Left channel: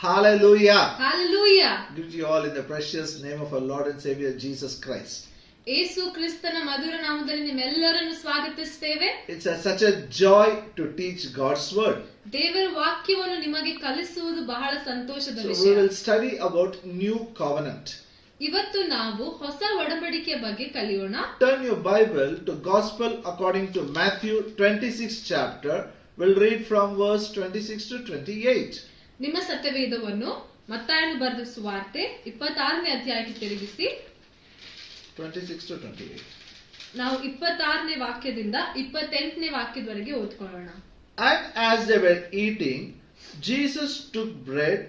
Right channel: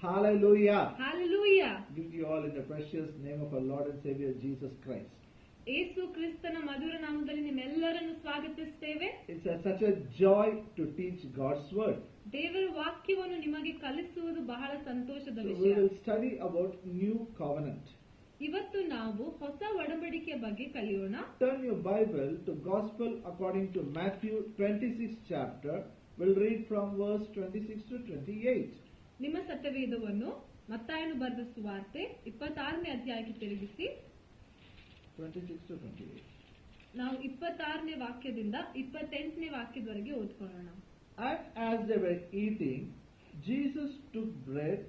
Hallelujah. Hallelujah. Greet you all in the precious name of our Lord and Savior Jesus Christ. ಯೇಸು ಕ್ರಿಸ್ತನ ಮಧುರ ನಾಮದಲ್ಲಿ ನಿಮ್ಮೆಲ್ಲರನ್ನು ಸ್ವಾಗತಿಸುತ್ತೇವೆ. It's such a joy to teach God's word. ದೇವರ ವಾಕ್ಯವನ್ನು ನಿಮಗೆ ಕಲಿಸುವುದು ಬಹಳ ಸಂತೋಷದ So ವಿಷಯ. we will study about new covenant. ಇವತ್ತು ನಾವು ಹೊಸ ಒಡಂಬಡಿಕೆಯ ಬಗ್ಗೆ ಕಲಿಯೋಣ. Turn your Bible to Gospel according to Matthew 26th chapter. We'll read from verse 26 to 28. ನಿಮ್ಮ ಸತ್ಯವೇದವನ್ನು ಮತ್ತಾಯನು ಬರೆದ ಸುವಾರ್ತೆ 26ನೇ ಅಧ್ಯಾಯಕ್ಕೆ ತಿರುಗಿಸಿ 26 to 28. ನಾವು 26ನೇ ವಾಕ್ಯದಿಂದ 28ನೇ ವಾಕ್ಯದವರೆಗೆ ಓದ್ಕೊಳ್ಳೋಣ. And as they were eating, Jesus took bread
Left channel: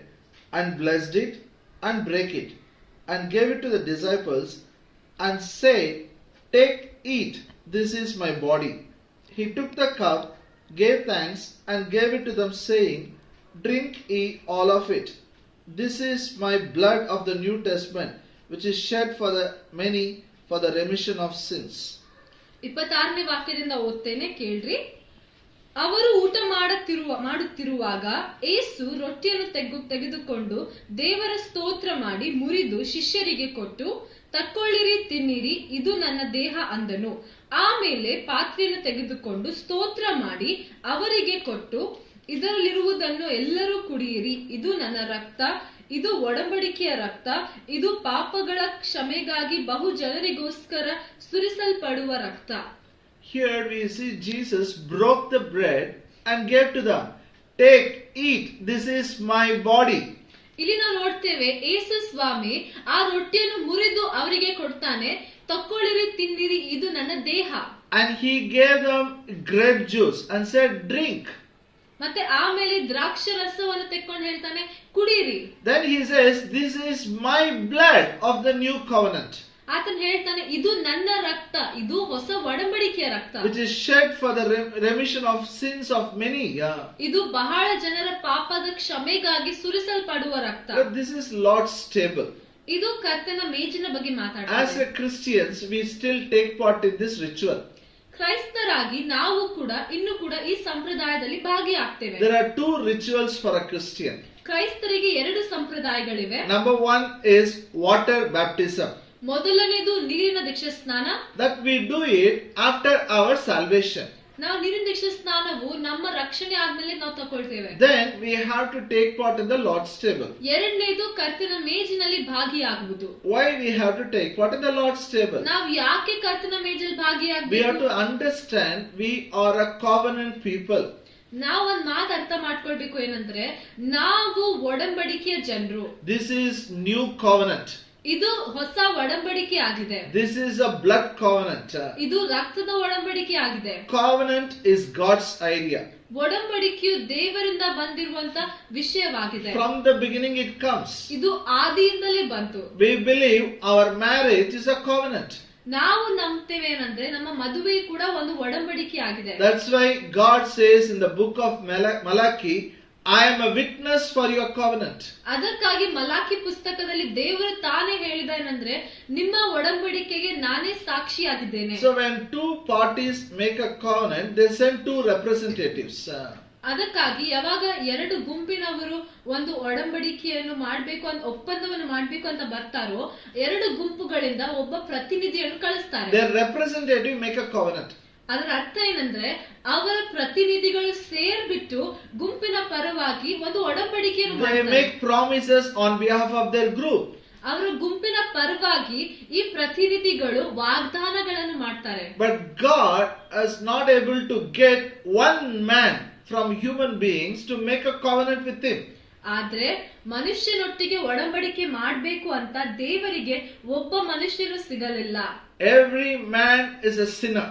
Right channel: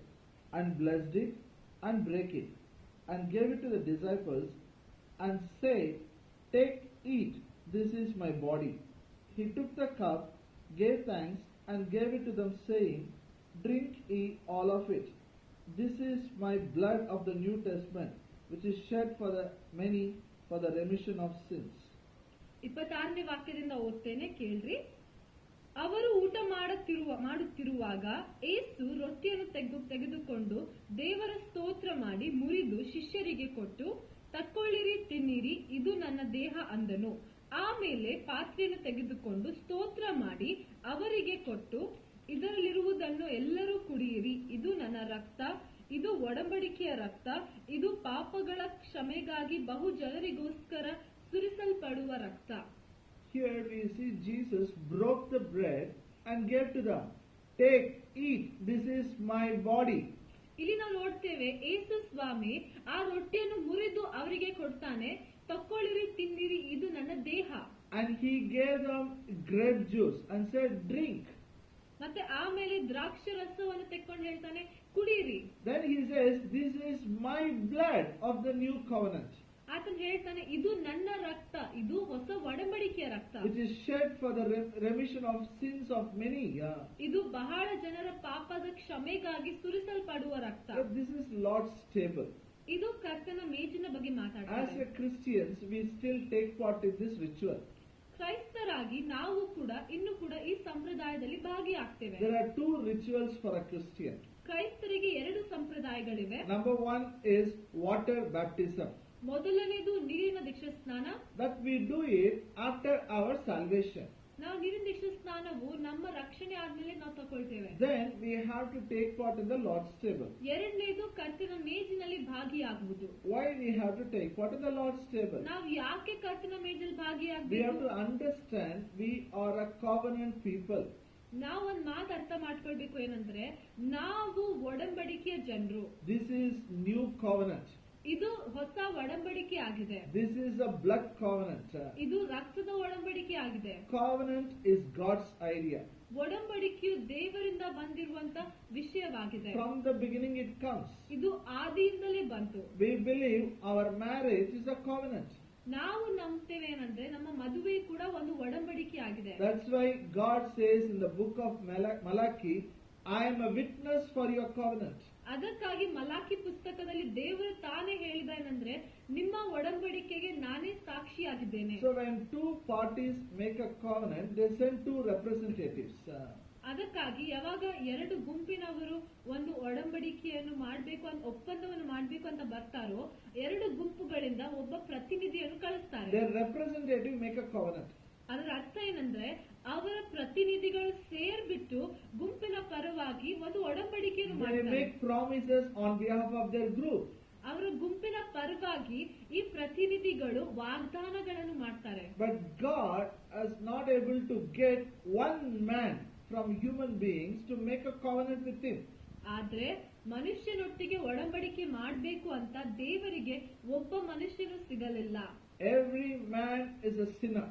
and blessed it and brake it and gave it to the disciples and said, "Take, eat, this is my body." He took the cup, gave thanks and gave it to them, saying, "Drink ye all of it. This is my blood of the New Testament, which is shed for the many for the remission of sins." 26ನೇ ವಾಕ್ಯದಿಂದ ಓದ್ತೇನೆ, ಕೇಳ್ರಿ. ಅವರು ಊಟ ಮಾಡುತ್ತಿರುವಾಗ ಯೇಸು ರೊಟ್ಟಿಯನ್ನು ತೆಗೆದುಕೊಂಡು ದೇವರ ಸ್ತೋತ್ರ ಮಾಡಿ ಮುರಿದು ಶಿಷ್ಯರಿಗೆ ಕೊಟ್ಟು, "ತಕ್ಕೊಳ್ಳಿರಿ, ತಿನ್ನಿರಿ, ಇದು ನನ್ನ ದೇಹ" ಅಂದನು. ಆಮೇಲೆ ಪಾತ್ರೆಯನ್ನು ತೆಗೆದುಕೊಂಡು ಸ್ತೋತ್ರ ಮಾಡಿ ಅವರಿಗೆ ಕೊಟ್ಟು, "ಇದರಲ್ಲಿರುವುದನ್ನು ಎಲ್ಲರೂ ಕುಡಿಯಿರಿ, ಇದು ನನ್ನ ರಕ್ತ, ಇದು ಒಡಂಬಡಿಕೆಯ ರಕ್ತ, ಇದು ಪಾಪಗಳ ಕ್ಷಮೆಗಾಗಿ ಬಹು ಜನರಿಗೋಸ್ಕರ ಸುರಿಸಲ್ಪಡುವ ರಕ್ತ." Here we see Jesus broke the bread and gave to them. "Take, eat, this is my body." ಇಲ್ಲಿ ನಾವು ನೋಡ್ತೇವೆ, ಯೇಸು ಸ್ವಾಮಿ ಆ ರೊಟ್ಟಿಯನ್ನು ಮುರಿದು ಅವರಿಗೆ ಕೊಡ್ತಾನೆ, "ತಕ್ಕೊಳ್ಳಿರಿ, ತಿನ್ನಿರಿ, ಇದು ನನ್ನ ದೇಹ." And he gave them grape juice and said, "Drink." ಮತ್ತೆ ಆಮೇಲೆ ದ್ರಾಕ್ಷಿ ರಸವನ್ನು ತೆಕ್ಕೊಂಡು ಹೇಳ್ತಾನೆ, "ಕುಡೀರಿ." Then he says, "This is my blood of the new covenant, ಆತನು ಹೇಳ್ತಾನೆ, "ಇದು ನನ್ನ ರಕ್ತ, ಇದು ಹೊಸ ಒಡಂಬಡಿಕೆಯ ರಕ್ತ, which is shed for the remission of sins of many." ಇದು ಬಹಳ ಜನರ ಪಾಪದ ಕ್ಷಮೆಗಾಗಿ ಸುರಿಸಲ್ಪಡುವ ರಕ್ತ." But this is Lord's table. ಇದು ಕರ್ತನ ಮೇಜಿನ ಬಗ್ಗೆ As ಮಾತಾಡ್ತಾರೆ. a Christians, we still take part in this ritual. ಕ್ರೈಸ್ತರಾಗಿ ನಾವು ಕೂಡ ಇನ್ನೂ ಕೂಡ ಈ ಸಂಪ್ರದಾಯದಲ್ಲಿ ಭಾಗಿಯಾಗ್ತೇವೆ. There are two rituals for a Christian. ಕ್ರೈಸ್ತರಿಗೆ 2 ಸಂಪ್ರದಾಯಗಳಿವೆ. Number one is water baptism. ಮೊದಲನೇದು ನೀರಿನ ದೀಕ್ಷಾ ಸ್ನಾನ. That we do it after our salvation. ನಾವು ನೀರಿನ ದೀಕ್ಷಾ ಸ್ನಾನವು ನಮ್ಮ ರಕ್ಷಣೆ ಆದ್ಮೇಲೆ ನಾವು ತಗೊಳ್ತೇವೆ. Then we have to take part in the Lord's table. ಎರಡನೇದು ಕರ್ತನ ಮೇಜಿನಲ್ಲಿ ಭಾಗಿಯಾಗುವುದು. Why we have to take part in the Lord's table? ನಾವು ಯಾಕೆ ಕರ್ತನ ಮೇಜಲ್ಲಿ We have ಭಾಗಿಯಾಗಬೇಕು? to understand we are a covenant people. ನಾವು ಒಂದ್ ಮಾತು ಅರ್ಥ ಮಾಡ್ಕೊಳ್ಬೇಕು, ಏನಂದ್ರೆ ನಾವು ಒಡಂಬಡಿಕೆಯ ಜನರು. This is new covenant. ಇದು ಹೊಸ ಒಡಂಬಡಿಕೆ ಆಗಿದೆ. This is a blood covenant. ಇದು ರಕ್ತದ ಒಡಂಬಡಿಕೆ ಆಗಿದೆ. Covenant is God's idea. ಒಡಂಬಡಿಕೆಯು ದೇವರಿಂದ ಬಂದಿರುವಂತ ವಿಷಯವಾಗಿದೆ. From the beginning it comes. ಇದು ಆದಿಯಿಂದಲೇ ಬಂತು. We believe our marriage is a covenant. ನಾವು ನಂಬ್ತೇವೆ ಏನಂದ್ರೆ ನಮ್ಮ ಮದುವೆ ಕೂಡ ಒಂದು ಒಡಂಬಡಿಕೆ ಆಗಿದೆ. That's why God says in the book of Malachi, "I am a witness for your covenant." ಅದಕ್ಕಾಗಿ ಮಲಾಕಿ ಪುಸ್ತಕದಲ್ಲಿ ದೇವರು ತಾನೇ ಹೇಳಿದಾನಂದ್ರೆ, ನಿಮ್ಮ ಒಡಂಬಡಿಕೆಗೆ ನಾನೇ ಸಾಕ್ಷಿಯಾಗಿದ್ದೇನೆ. So when two parties make a covenant, they send two representatives. ಅದಕ್ಕಾಗಿ ಯಾವಾಗ 2 ಗುಂಪಿನವರು ಒಂದು ಒಡಂಬಡಿಕೆಯನ್ನು ಮಾಡಬೇಕು ಅಂತ, ಒಪ್ಪಂದವನ್ನು ಮಾಡಬೇಕು ಅಂತ ಬರ್ತಾರೋ, 2 ಗುಂಪುಗಳಿಂದ ಒಬ್ಬ ಪ್ರತಿನಿಧಿಯನ್ನು ಕಳಿಸ್ತಾರೆ. Their representative make a covenant. ಅದರ ಅರ್ಥ ಏನಂದ್ರೆ, ಅವರ ಪ್ರತಿನಿಧಿಗಳು ಸೇರ್ಬಿಟ್ಟು ಗುಂಪಿನ ಪರವಾಗಿ ಒಂದು ಒಡಂಬಡಿಕೆಯನ್ನು They ಮಾಡ್ತಾರೆ. make promises on behalf of their group. ಅವರ ಗುಂಪಿನ ಪರವಾಗಿ ಈ ಪ್ರತಿನಿಧಿಗಳು ವಾಗ್ದಾನಗಳನ್ನು ಮಾಡ್ತಾರೆ. But God is not able to get one man from human beings to make a covenant with him. ಆದ್ರೆ ಮನುಷ್ಯನೊಟ್ಟಿಗೆ ಒಡಂಬಡಿಕೆ ಮಾಡ್ಬೇಕು ಅಂತ ದೇವರಿಗೆ ಒಬ್ಬ ಮನುಷ್ಯನು ಸಿಗಲಿಲ್ಲ. Every man is a sinner.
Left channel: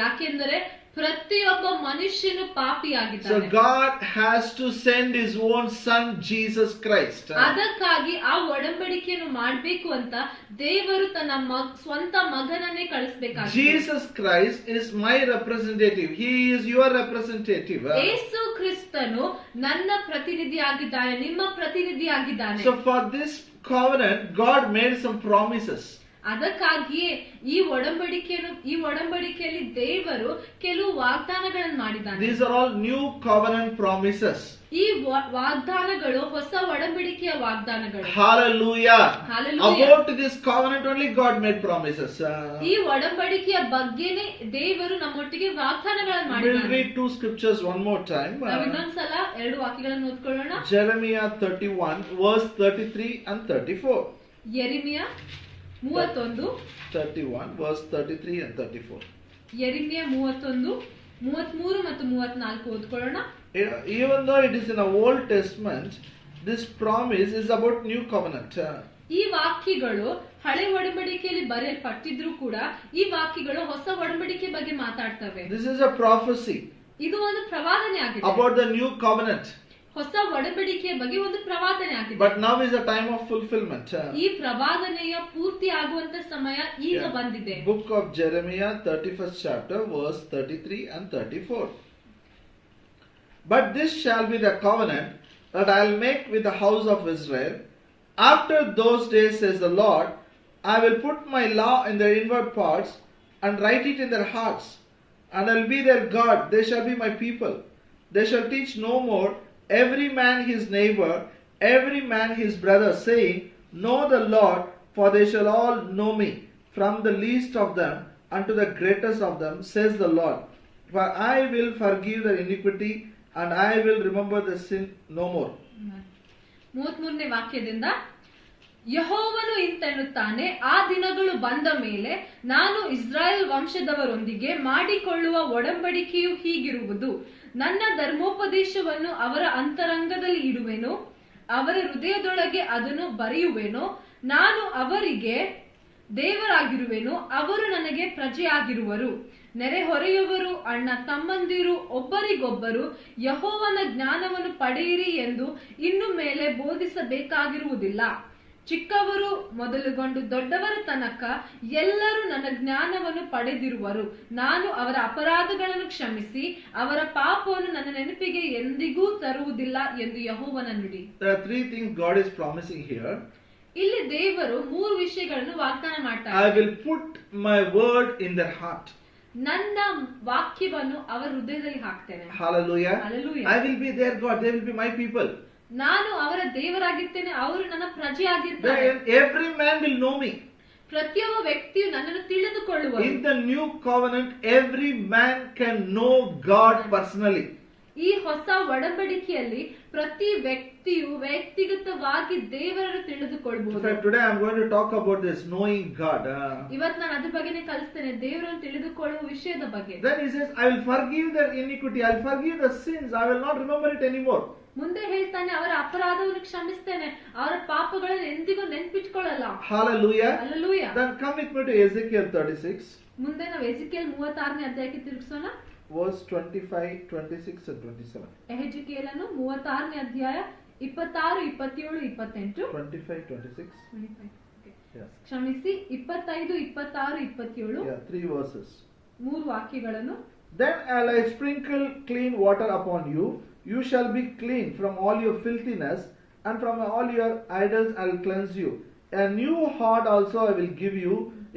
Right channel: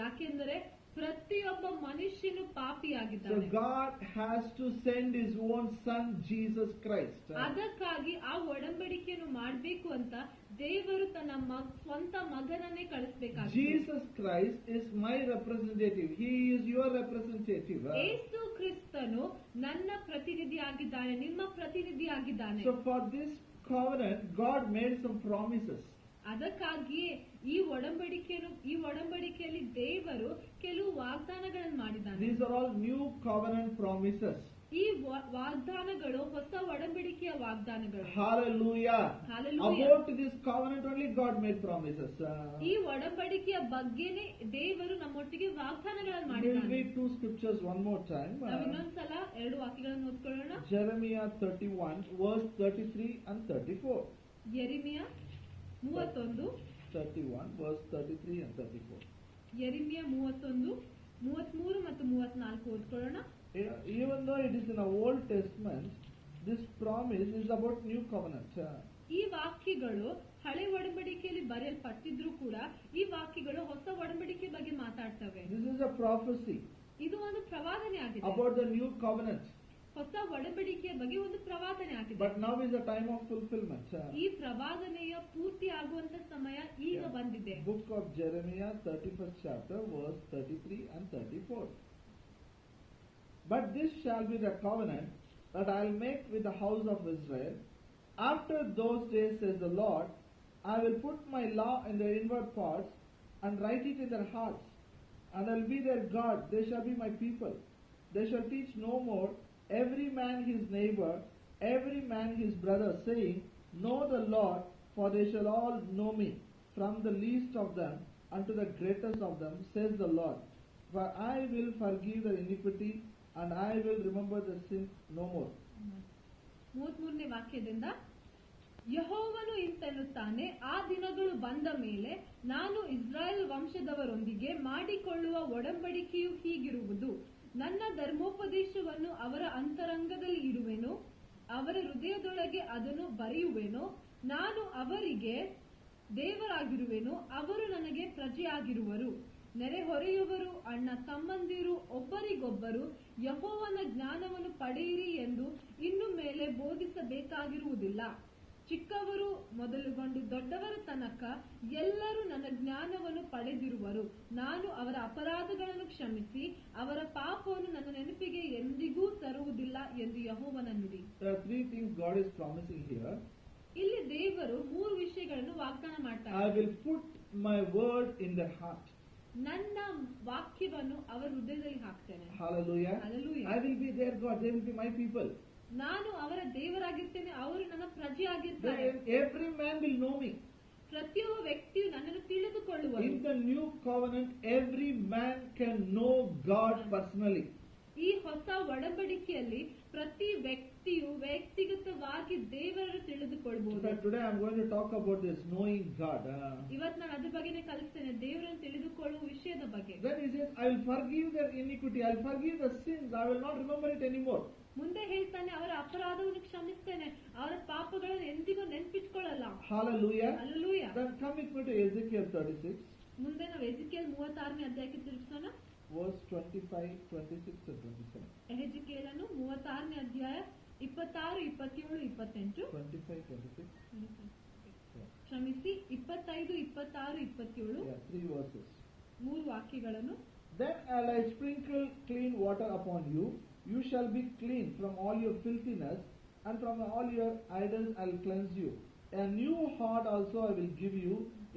ಯಾಕೆಂದರೆ ಪ್ರತಿಯೊಬ್ಬ ಮನುಷ್ಯನು So ಪಾಪಿಯಾಗಿದ್ದಾನೆ. God has to send his own son Jesus Christ. ಅದಕ್ಕಾಗಿ ಆ ಒಡಂಬಡಿಕೆಯನ್ನು ಮಾಡ್ಬೇಕು ಅಂತ ದೇವರು ತನ್ನ ಸ್ವಂತ ಮಗನನ್ನೇ ಕಳಿಸಬೇಕಾಗಿದೆ. Jesus Christ is my representative. He is your representative. ಯೇಸು ಕ್ರಿಸ್ತನು ನನ್ನ ಪ್ರತಿನಿಧಿಯಾಗಿದ್ದಾನೆ, ನಿಮ್ಮ ಪ್ರತಿನಿಧಿಯಾಗಿದ್ದಾನೆ. So for this covenant, God made some promises. ಅದಕ್ಕಾಗಿಯೇ ಈ ಒಡಂಬಡಿಕೆಯಲ್ಲಿ ದೇವರು ಕೆಲವು ವಾಗ್ದಾನಗಳನ್ನು ಮಾಡಿದ್ದಾನೆ. These are all new covenant promises. ಈ ವಾಗ್ದಾನಗಳು ಹೊಸ ಒಡಂಬಡಿಕೆಯ ವಾಗ್ದಾನಗಳು. Hallelujah. Hallelujah. About this covenant only God made promises. ಈ ಒಡಂಬಡಿಕೆಯ ಬಗ್ಗೆನೇ ದೇವರು ನಮ್ಮೊಟ್ಟಿಗೆ ವಾಗ್ದಾನಗಳನ್ನು We'll ಮಾಡಿದ್ದಾನೆ. read two scriptures one more time. ನಾವು ಇನ್ನೊಂದ್ಸಲ ಎರಡು ವಾಕ್ಯಗಳನ್ನು ಓದ್ಕೊಳ್ಳೋಣ. Jeremiah 31 verse 33 and 34. Jeremiah 31 31 verse 33 and 34. ಯೆರೆಮೀಯ 31 33 ಮತ್ತು 34 ಓದ್ಕೊಳ್ಳೋಣ. Even though it is in the Old Testament, this promise is about new covenant. ಈ ವಾಕ್ಯಗಳು ಹಳೆ ಒಡಂಬಡಿಕೆಯಲ್ಲಿ ಬರೆಯಲ್ಪಟ್ಟಿದ್ರು ಕೂಡ ಈ ವಾಕ್ಯಗಳು ಹೊಸ ಒಡಂಬಡಿಕೆ ಬಗ್ಗೆ ಮಾತಾಡ್ತವೆ. This is a prophecy. ಇದು ಒಂದು ಪ್ರವಾದನೆ ಆಗಿದೆ. About the new covenant. ಹೊಸ ಒಡಂಬಡಿಕೆಯ ಬಗ್ಗೆ ಒಂದು ಪ್ರವಾದನೆ ಆಗಿದೆ. But now is the time of fulfillment. ಈ ಪ್ರವಾದನೆಯ ಪೂರ್ತಿ ಆಗುವಂತ ಸಮಯ ಈಗ ಬಂದಿದೆ. Book of Jeremiah 31st chapter verse 33 and 34. But this shall be the covenant that I will make with the house of Israel. After those days, says the Lord, I will put my law in their inward parts and write it in their hearts. And I will be their God, they shall be my people. They shall teach no more every man his neighbor, every man his brother, saying, Know the Lord, for they shall all know me, from the least of them unto the greatest of them, says the Lord. For I will forgive their iniquity, and I will remember the sin no more. 33ನೇ ವಾಕ್ಯದಿಂದ ಯೆಹೋವನು ಇಂತೆನ್ನುತ್ತಾನೆ, ಆ ದಿನಗಳು ಬಂದ ಮೇಲೆ ನಾನು ಇಸ್ರಾಯೇಲ್ ವಂಶದವರೊಂದಿಗೆ ಮಾಡಿಕೊಳ್ಳುವ ಒಡಂಬಡಿಕೆಯು ಹೀಗಿರುವುದು. ನನ್ನ ಧರ್ಮೋಪದೇಶವನ್ನು ಅವರ ಅಂತರಂಗದಲ್ಲಿ ಇಡುವೆನು, ಅವರ ಹೃದಯದೊಳಗೆ ಅದನ್ನು ಬರೆಯುವೆನು. ನಾನು ಅವರಿಗೆ ದೇವರಾಗಿರುವೆನು, ಅವರು ನನಗೆ ಪ್ರಜೆಯಾಗಿರುವರು. ನೆರೆಹೊರೆಯವರು ಅಣ್ಣ ತಮ್ಮಂದಿರು ಒಬ್ಬರಿಗೊಬ್ಬರು ಯೆಹೋವನ ಜ್ಞಾನವನ್ನು ಪಡೆಯಿರಿ ಎಂದು ಇನ್ನು ಮೇಲೆ ಬೋಧಿಸಬೇಕಾಗಿರುವುದಿಲ್ಲ. ಚಿಕ್ಕವರು ಮೊದಲುಗೊಂಡು ದೊಡ್ಡವರ ತನಕ ಎಲ್ಲರೂ ನನ್ನ ಜ್ಞಾನವನ್ನು ಪಡೆದಿರುವರು. ನಾನು ಅವರ ಅಪರಾಧಗಳನ್ನು ಕ್ಷಮಿಸಿ ಅವರ ಪಾಪವನ್ನು ನನ್ನ ನೆನಪಿಗೆ ಎಂದಿಗೂ ತರುವುದಿಲ್ಲ ಎಂದು ಯೆಹೋವನ ನುಡಿ. There are three things God is promising here. ಇಲ್ಲಿ ದೇವರು ಮೂರು ವಿಷಯಗಳನ್ನು ವಾಗ್ದಾನ ಮಾಡ್ತಾರೆ. I will put my word in their heart. ನನ್ನ ವಾಕ್ಯವನ್ನು ಅವರ ಹೃದಯದಲ್ಲಿ ಹಾಕ್ತೇನೆ. Hallelujah. Hallelujah. I will be their God, they will be my people. ನಾನು ಅವರ ದೇವರಾಗಿರ್ತೇನೆ, ಅವರು ನನ್ನ ಪ್ರಜೆಯಾಗಿರ್ತಾರೆ. Then every man will know me. ಪ್ರತಿಯೊಬ್ಬ ವ್ಯಕ್ತಿಯು ನನ್ನನ್ನು ತಿಳಿದುಕೊಳ್ಳುವರು. In the new covenant, every man can know God personally. ಈ ಹೊಸ ಒಡಂಬಡಿಕೆಯಲ್ಲಿ ಪ್ರತಿ ವ್ಯಕ್ತಿಯು ವ್ಯಕ್ತಿಗತವಾಗಿ ದೇವರನ್ನು ತಿಳಿದುಕೊಳ್ಳಬಹುದು. Today I am going to talk about this knowing God. ಇವತ್ತು ನಾನು ಅದ್ರ ಬಗ್ಗೆನೇ ಕಲಿಸ್ತೇನೆ, ದೇವರನ್ನು ತಿಳಿದುಕೊಳ್ಳುವ ವಿಷಯದ ಬಗ್ಗೆ. Then he says, I will forgive their iniquity, I will forgive the sins, I will not remember it anymore. ಮುಂದೆ ಹೇಳ್ತಾನೆ, ಅವರ ಅಪರಾಧವನ್ನು ಕ್ಷಮಿಸ್ತೇನೆ, ಅವರ ಪಾಪಗಳನ್ನು ಎಂದಿಗೂ ನೆನಪಿಟ್ಕೊಳ್ಳಲ್ಲ. Hallelujah. Hallelujah. Then come with me to Ezekiel 36. ಮುಂದೆ ನಾವು ಎಜಿಕೇಲ್ 36ನೇ ಅಧ್ಯಾಯಕ್ಕೆ ತಿರುಗಿಸೋಣ. Verse 25, 26 and 27. ಎಹೆಜ್ಕೇಲನು 36ನೇ ಅಧ್ಯಾಯ 26, 27, 28. 25, 26. 25. Okay. Yeah. ಕ್ಷಮಿಸಿ 25, 26, 27. Yeah, 3 verses. ಮೂರು ವಾಕ್ಯಗಳನ್ನು. Then will I sprinkle clean water upon you. You shall be clean from all your filthiness, and from all your idols I will cleanse you. A new heart also I will give you.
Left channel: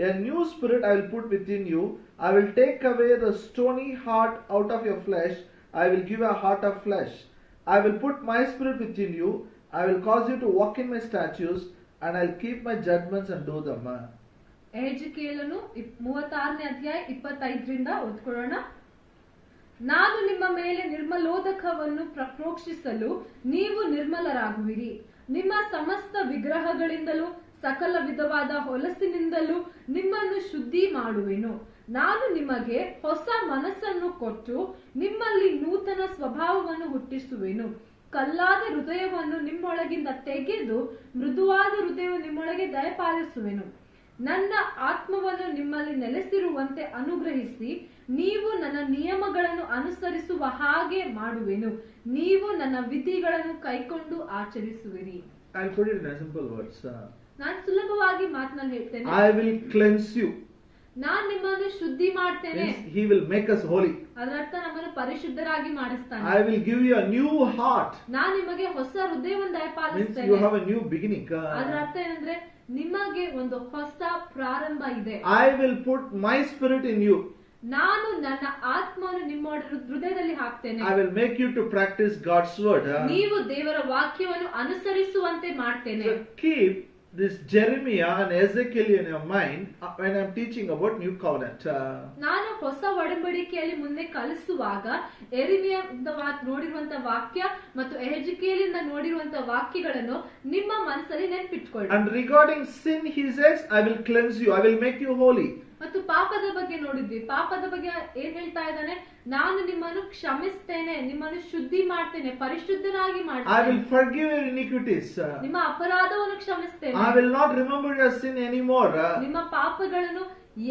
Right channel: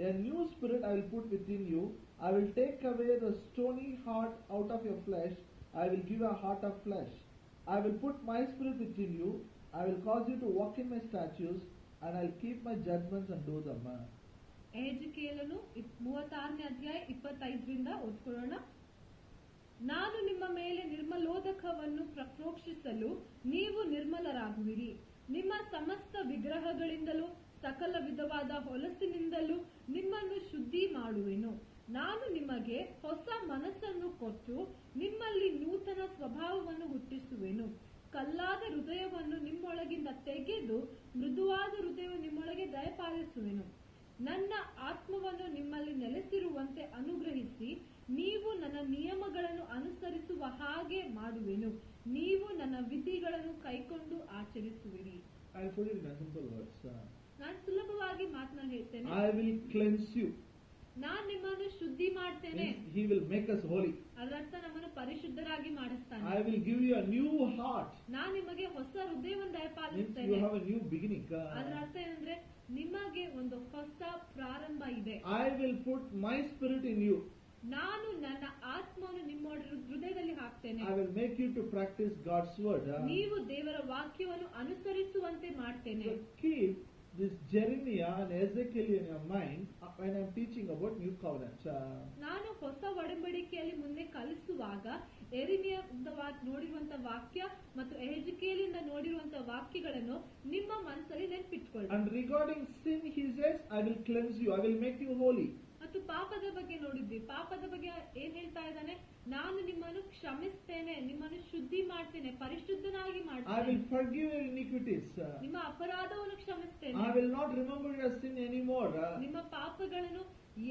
A new spirit I will put within you. I will take away the stony heart out of your flesh. I will give a heart of flesh. I will put my spirit within you. I will cause you to walk in my statutes, and I will keep my judgments and do them. ಎಹೆಜ್ಕೇಲನು 36ನೇ ಅಧ್ಯಾಯ 25ರಿಂದ ಓದ್ಕೊಳ್ಳೋಣ. ನಾನು ನಿಮ್ಮ ಮೇಲೆ ನಿರ್ಮಲೋದಕವನ್ನು ಪ್ರೋಕ್ಷಿಸಲು ನೀವು ನಿರ್ಮಲರಾಗುವಿರಿ. ನಿಮ್ಮ ಸಮಸ್ತ ವಿಗ್ರಹಗಳಿಂದಲೂ ಸಕಲ ವಿಧವಾದ ಹೊಲಸಿನಿಂದಲೂ ನಿಮ್ಮನ್ನು ಶುದ್ಧಿ ಮಾಡುವೆನು. ನಾನು ನಿಮಗೆ ಹೊಸ ಮನಸ್ಸನ್ನು ಕೊಟ್ಟು ನಿಮ್ಮಲ್ಲಿ ನೂತನ ಸ್ವಭಾವವನ್ನು ಹುಟ್ಟಿಸುವೆನು. ಕಲ್ಲಾದ ಹೃದಯವನ್ನು ನಿಮ್ಮೊಳಗಿಂದ ತೆಗೆದು ಮೃದುವಾದ ಹೃದಯವನ್ನು ನಿಮ್ಮೊಳಗೆ ದಯಪಾಲಿಸುವೆನು. ನನ್ನ ಆತ್ಮವನ್ನು ನಿಮ್ಮಲ್ಲಿ ನೆಲೆಸಿರುವಂತೆ ಅನುಗ್ರಹಿಸಿ ನೀವು ನನ್ನ ನಿಯಮಗಳನ್ನು ಅನುಸರಿಸುವ ಹಾಗೆ ಮಾಡುವೆನು. ನೀವು ನನ್ನ ವಿಧಿಗಳನ್ನು ಕೈಕೊಂಡು ಆಚರಿಸುವಿರಿ. I'll put it in simple words. ನಾನು ಸುಲಭವಾಗಿ ಮಾತನಾಡಿ ಹೇಳ್ತೇನೆ. I will cleanse you. ನಾನು ನಿಮ್ಮನ್ನು ಶುದ್ಧಿ ಮಾಡ್ತೇನೆ. He will make us holy. ಅದರ ಅರ್ಥ ನಮ್ಮನ್ನು ಪರಿಶುದ್ಧರಾಗಿ ಮಾಡಿಸ್ತಾನೆ. I will give you a new heart. ನಾನು ನಿಮಗೆ ಹೊಸ ಹೃದಯವನ್ನು ದಯಪಾಲಿಸ್ತೇನೆ. You have a new beginning. ಅದರ ಅರ್ಥ ಏನಂದ್ರೆ ನಿಮಗೆ ಒಂದು ಹೊಸ ಪ್ರಾರಂಭ ಇದೆ. I will put my spirit in you. ನಾನು ನನ್ನ ಆತ್ಮವನ್ನು ನಿಮ್ಮ ಹೃದಯದಲ್ಲಿ ಹಾಕ್ತೇನೆ. I will make you to practice God's word. ನೀವು ದೇವರ ವಾಕ್ಯವನ್ನು ಅನುಸರಿಸುವಂತೆ ಮಾಡ್ತೇನೆ. So keep this Jeremiah and Ezekiel in your mind when I'm teaching about new covenant. ನಾನು ಹೊಸ ಒಡಂಬಡಿಕೆಯಲ್ಲಿ ಮುಂದೆ ಕಲಿಸುವಾಗ ಎರೆಮೀಯದಿಂದ ನೋಡಿರುವಂತ ವಾಕ್ಯ ಮತ್ತು ಎಹೆಜ್ಕೇಲಿಂದ ನೋಡಿರುವಂತ ವಾಕ್ಯಗಳನ್ನು ನಿಮ್ಮ ಮನಸ್ಸಲ್ಲಿ ನೆನಪಿಟ್ಕೊಳ್ಳಿ. And regarding sin, he says, I will cleanse you, I will make you holy. ಮತ್ತು ಪಾಪದ ಬಗ್ಗೆ ನೋಡಿದ್ವಿ. ಪಾಪದ ಬಗ್ಗೆ ಏನ್ ಹೇಳ್ತಾ ಇದ್ದಾನೆ? ನಾನು ನಿಮ್ಮನ್ನು ಕ್ಷಮಿಸ್ತೇನೆ, ನಿಮ್ಮನ್ನು ಶುದ್ಧಿ ಮಾಡ್ತೇನೆ, ಪರಿಶುದ್ಧನಾಗಿ I ಮಾಡ್ತೇನೆ. will forgive your iniquities. ನಿಮ್ಮ ಅಪರಾಧವನ್ನು ಕ್ಷಮಿಸ್ತೇನೆ. I will not remember your sin anymore. ನಿಮ್ಮ ಪಾಪಗಳನ್ನು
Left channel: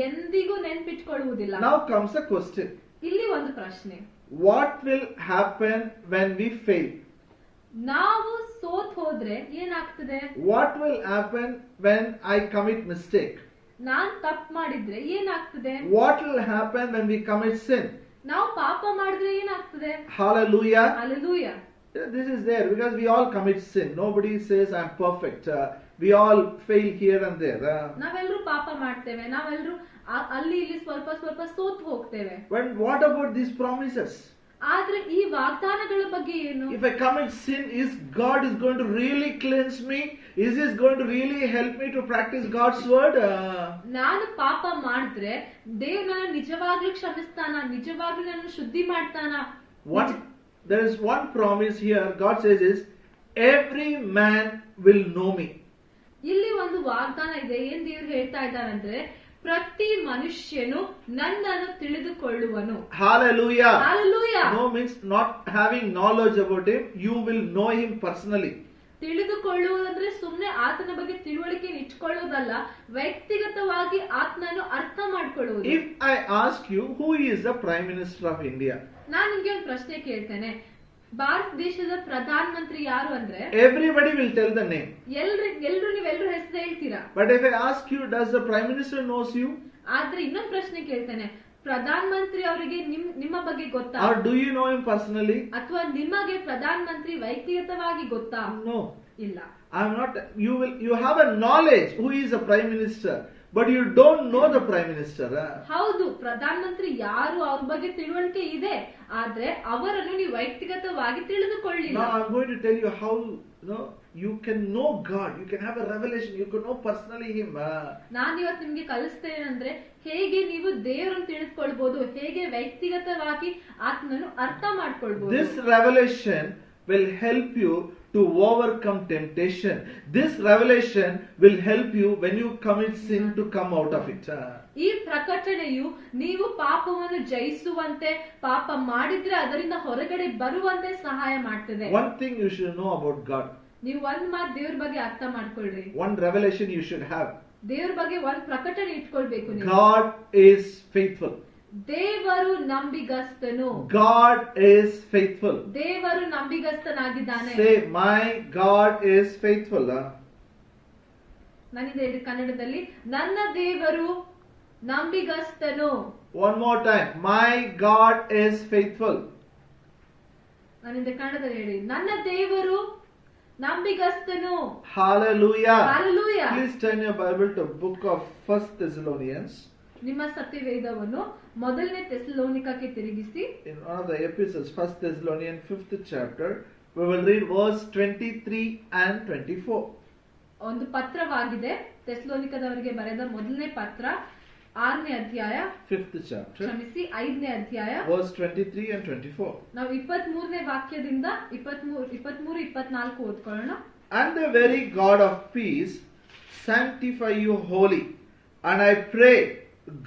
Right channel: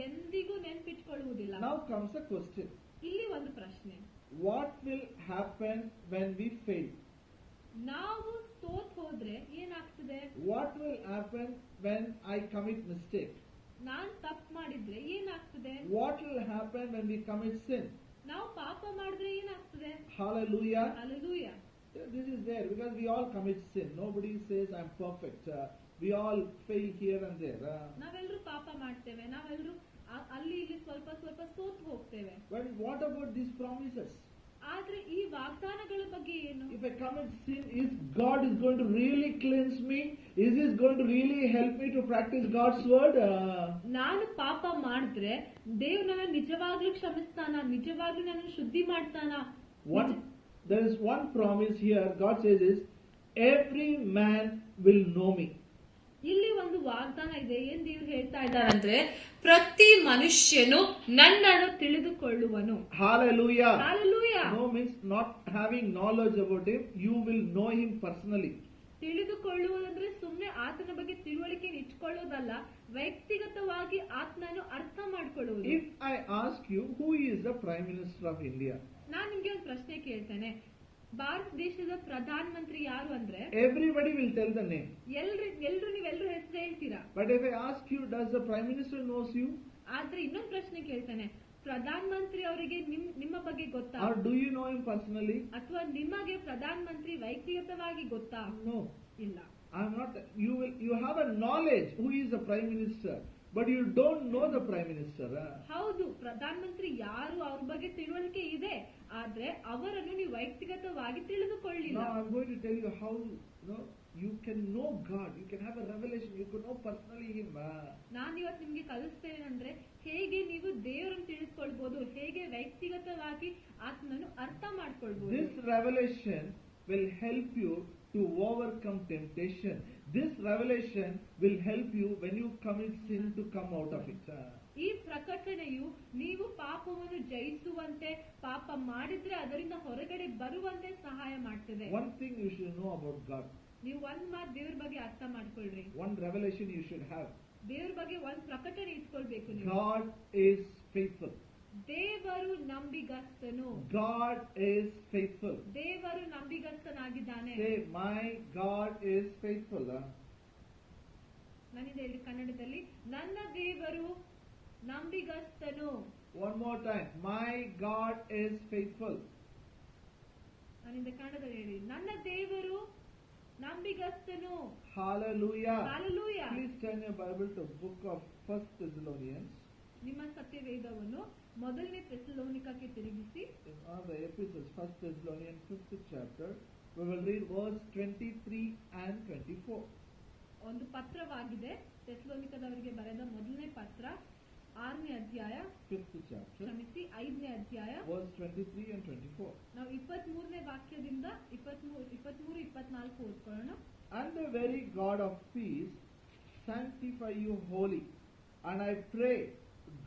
ಎಂದಿಗೂ ನೆನಪಿಟ್ಕೊಳ್ಳುವುದಿಲ್ಲ. Now comes the question. ಇಲ್ಲಿ ಒಂದು ಪ್ರಶ್ನೆ. What will happen when we fail? ನಾವು ಸೋತ್ ಹೋದ್ರೆ ಏನಾಗ್ತದೆ? What will happen when I commit mistake? ನಾನ್ ತಪ್ಪು ಮಾಡಿದ್ರೆ ಏನಾಗ್ತದೆ? What will happen when we commit sin? ನಾವು ಪಾಪ ಮಾಡಿದ್ರೆ ಏನಾಗ್ತದೆ? Hallelujah. Hallelujah. This is there because we all commit sin. Nobody says I'm perfect. We all fail here and there. ನಾವೆಲ್ಲರೂ ಪಾಪ ಮಾಡ್ತೇವೆ, ನಾವೆಲ್ಲರೂ ಅಲ್ಲಿ ಇಲ್ಲಿ ಸ್ವಲ್ಪ ಸ್ವಲ್ಪ ಸೋತ್ ಹೋಗ್ತೇವೆ. But what about these promises? ಆದ್ರೆ ಈ ವಾಗ್ದಾನಗಳ ಬಗ್ಗೆ ಏನು? If I commit sin, is God is going to really cleanse me? Is this going to really help me to practice God's word? ನಾನು ಪಾಪ ಮಾಡಿದ್ರೆ ದೇವ್ರು ನನ್ನ ನಿಜವಾಗ್ಲೂ ಕ್ಷಮಿಸ್ತಾನ, ನಿಜವಾಗ್ಲೂ ನನ್ನ ಶುದ್ಧಿ ಮಾಡ್ತಾನ? There is one promise here. God says is, every man will know me. ಇಲ್ಲಿ ಒಂದು ವಾಗ್ದಾನ ಇದೆ. ಏನ್ ದೇವ್ರು ಹೇಳ್ತಾ ಇದ್ದಾರಂದ್ರೆ, ಪ್ರತಿ ಮನುಷ್ಯನು ನನ್ನನ್ನು ತಿಳಿದುಕೊಳ್ಳುವನು. Hallelujah. Hallelujah. No means not having knowledge about him. You will know him personally. ತಿಳಿದುಕೊಳ್ಳುವುದಂದ್ರೆ ಸುಮ್ನೆ ಆತನ ಬಗ್ಗೆ ತಿಳುವಳಿಕೆ ಇಟ್ಕೊಳ್ಳೋದಲ್ಲ, ವ್ಯಕ್ತಿಗತವಾಗಿ ಆತನನ್ನು ಅರ್ಥ ಮಾಡ್ಕೊಳ್ಳುವುದು. If I ask you, who is the Prime Minister of India? ನಾನು ನಿಮ್ಗೆ ಒಂದು ಪ್ರಶ್ನೆ ಕೇಳ್ತೇನೆ. ಭಾರತ ದೇಶದ ಪ್ರಧಾನ ಮಂತ್ರಿ ಯಾರು ಅಂದ್ರೆ everybody will tell the name. ನೀವೆಲ್ಲರೂ ಹೆಸರು ಹೇಳ್ತೀರಾ. But if I ask you, does the Prime Minister knows you? ಆದ್ರೆ ಇನ್ನೊಂದು ಪ್ರಶ್ನೆ ಕೇಳ್ತೇನೆ. ಪ್ರಧಾನ ಮಂತ್ರಿ ಅವರಿಗೆ ನಿಮ್ಮ ಬಗ್ಗೆ ಗೊತ್ತಾ? Or do you know him personally? ಅಥವಾ ನಿಮಗೆ ಪ್ರಧಾನ ಮಂತ್ರಿ ವ್ಯಕ್ತಿಗತವಾಗಿ ಗೊತ್ತಾ? No. ಇಲ್ಲ. I'm not. You have a knowledge who is the Prime Minister, but you don't know the Prime Minister. ಹೌದು, ಪ್ರಧಾನ ಮಂತ್ರಿ ಯಾರು ಅವ್ರ ಬಗ್ಗೆ ತಿಳುವಳಿಕೆ ಇದೆ, ಆದ್ರೆ ಅವರನ್ನು ನೀವು ವ್ಯಕ್ತಿಗತವಾಗಿ ತಿಳಿದುಕೊಳ್ಳಿಲ್ಲ. Now I'm going to tell you how you can know God. You can have a revelation. You can know personally Him. ನಾನು ಇವತ್ತು ನಿಮ್ಗೆ ಕಲಿಸ್ತೇನೆ ಅಂದ್ರೆ ಹೇಗೆ ನೀವು ದೇವರನ್ನು ತಿಳಿದುಕೊಳ್ಬಹುದು, ಹೇಗೆ ವ್ಯಕ್ತಿಗತವಾಗಿ ಆತ್ಮನನ್ನು ಅರ್ಥ ಮಾಡ್ಕೊಳ್ಬಹುದು. This revelation will help you to overcome temptation. This revelation will help you when you commit sin to come out of it. ಈ ಪ್ರಕಟಣೆಯು ನೀವು ಪಾಪವನ್ನು ಜಯಿಸುವಂತೆ, ಪಾಪ ಮಾಡಿದ್ರೆ ಅದರಿಂದ ಹೊರಗಡೆ ಬರುವಂತೆ ಸಹಾಯ ಮಾಡ್ತದೆ. One thing you should know about God. ನೀವು ಒಂದ್ ಮಾತು ದೇವ್ರ ಬಗ್ಗೆ ಅರ್ಥ ಮಾಡ್ಕೊಳ್ರಿ. One revelation you should have. ದೇವ್ರ ಬಗ್ಗೆ ಒಂದ್ ಪ್ರಕಟಣೆ ಇಟ್ಕೊಳ್ಬೇಕು ನೀವು. God is faithful. ದೇವರು ನಂಬಿಗಸ್ತನು. God is faithful. ದೇವರು ನಂಬಿಗಸ್ತನಾಗಿದ್ದಾನೆ. Say, my God is faithful. ನಾನಿದೆ ಹೇಳಿ ಕನ್ನಡದಲ್ಲಿ, ನನ್ನ ದೇವರು ನಂಬಿಗಸ್ತನು. One more time, my God is faithful. ನಾನಿದೆ ಕನ್ನಡದಲ್ಲಿ ಹೇಳಿ, ನನ್ನ ದೇವರು ನಂಬಿಗಸ್ತನು. Hallelujah. Hallelujah. Please turn your Bible to book of 1 Thessalonians. ನಿಮ್ಮ ಸತ್ಯವೇದವನ್ನು ಮೊದಲನೇ ಥೆಸಲೋನಿಕಕ್ಕೆ ತಿರುಗಿಸಿ. In one of the epistles, 1 Thessalonians 5th chapter, we will read verse 23 and 24. ಒಂದು ಪತ್ರವಾಗಿದೆ, ಥೆಸಲೋನಿಕದವರಿಗೆ ಬರೆದ ಮೊದಲನೇ ಪತ್ರ 6ನೇ ಅಧ್ಯಾಯ, 5th chapter, ಕ್ಷಮಿಸಿ 5ನೇ ಅಧ್ಯಾಯ, verse 23 and 24. ನಾವು 23ನೇ ವಾಕ್ಯದಿಂದ 23, 24 ಓದ್ಕೊಳ್ಳೋಣ. And the very God of peace sanctify you wholly, and I pray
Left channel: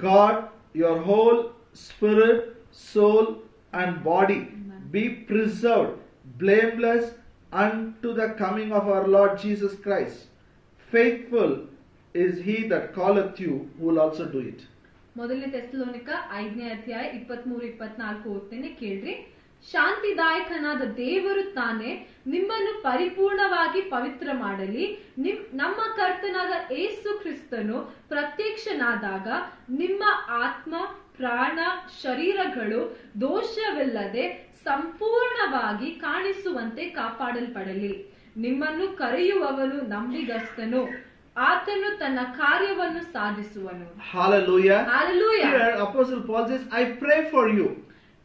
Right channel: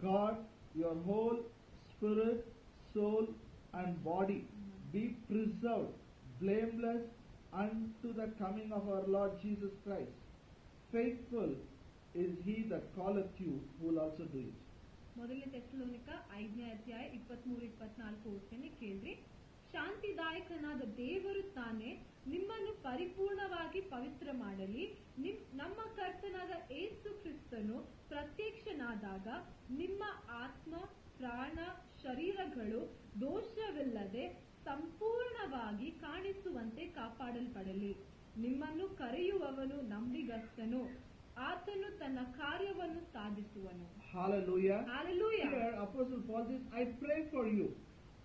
God, your whole spirit, soul, and body be preserved blameless unto the coming of our Lord Jesus Christ. Faithful is he that calleth you, who will also do it. ಮೊದಲನೇ ಥೆಸಲೋನಿಕ 5ನೇ ಅಧ್ಯಾಯ 23, 24 ಓದ್ತೇನೆ, ಕೇಳ್ರಿ. ಶಾಂತಿದಾಯಕನಾದ ದೇವರು ತಾನೇ ನಿಮ್ಮನ್ನು ಪರಿಪೂರ್ಣವಾಗಿ ಪವಿತ್ರ ಮಾಡಲಿ. ನಮ್ಮ ಕರ್ತನಾದ ಯೇಸು ಕ್ರಿಸ್ತನು ಪ್ರತ್ಯಕ್ಷನಾದಾಗ ನಿಮ್ಮ ಆತ್ಮ, ಪ್ರಾಣ, ಶರೀರಗಳು ದೋಷವಿಲ್ಲದೆ ಸಂಪೂರ್ಣವಾಗಿ ಕಾಣಿಸುವಂತೆ ಕಾಪಾಡಲ್ಪಡಲಿ. ನಿಮ್ಮನ್ನು ಕರೆಯುವವನು ನಂಬಿಗಸ್ತನು, ಆತನು ತನ್ನ ಕಾರ್ಯವನ್ನು ಸಾಧಿಸುವನು. Hallelujah. Hallelujah. Here Apostle Paul says, I pray for you.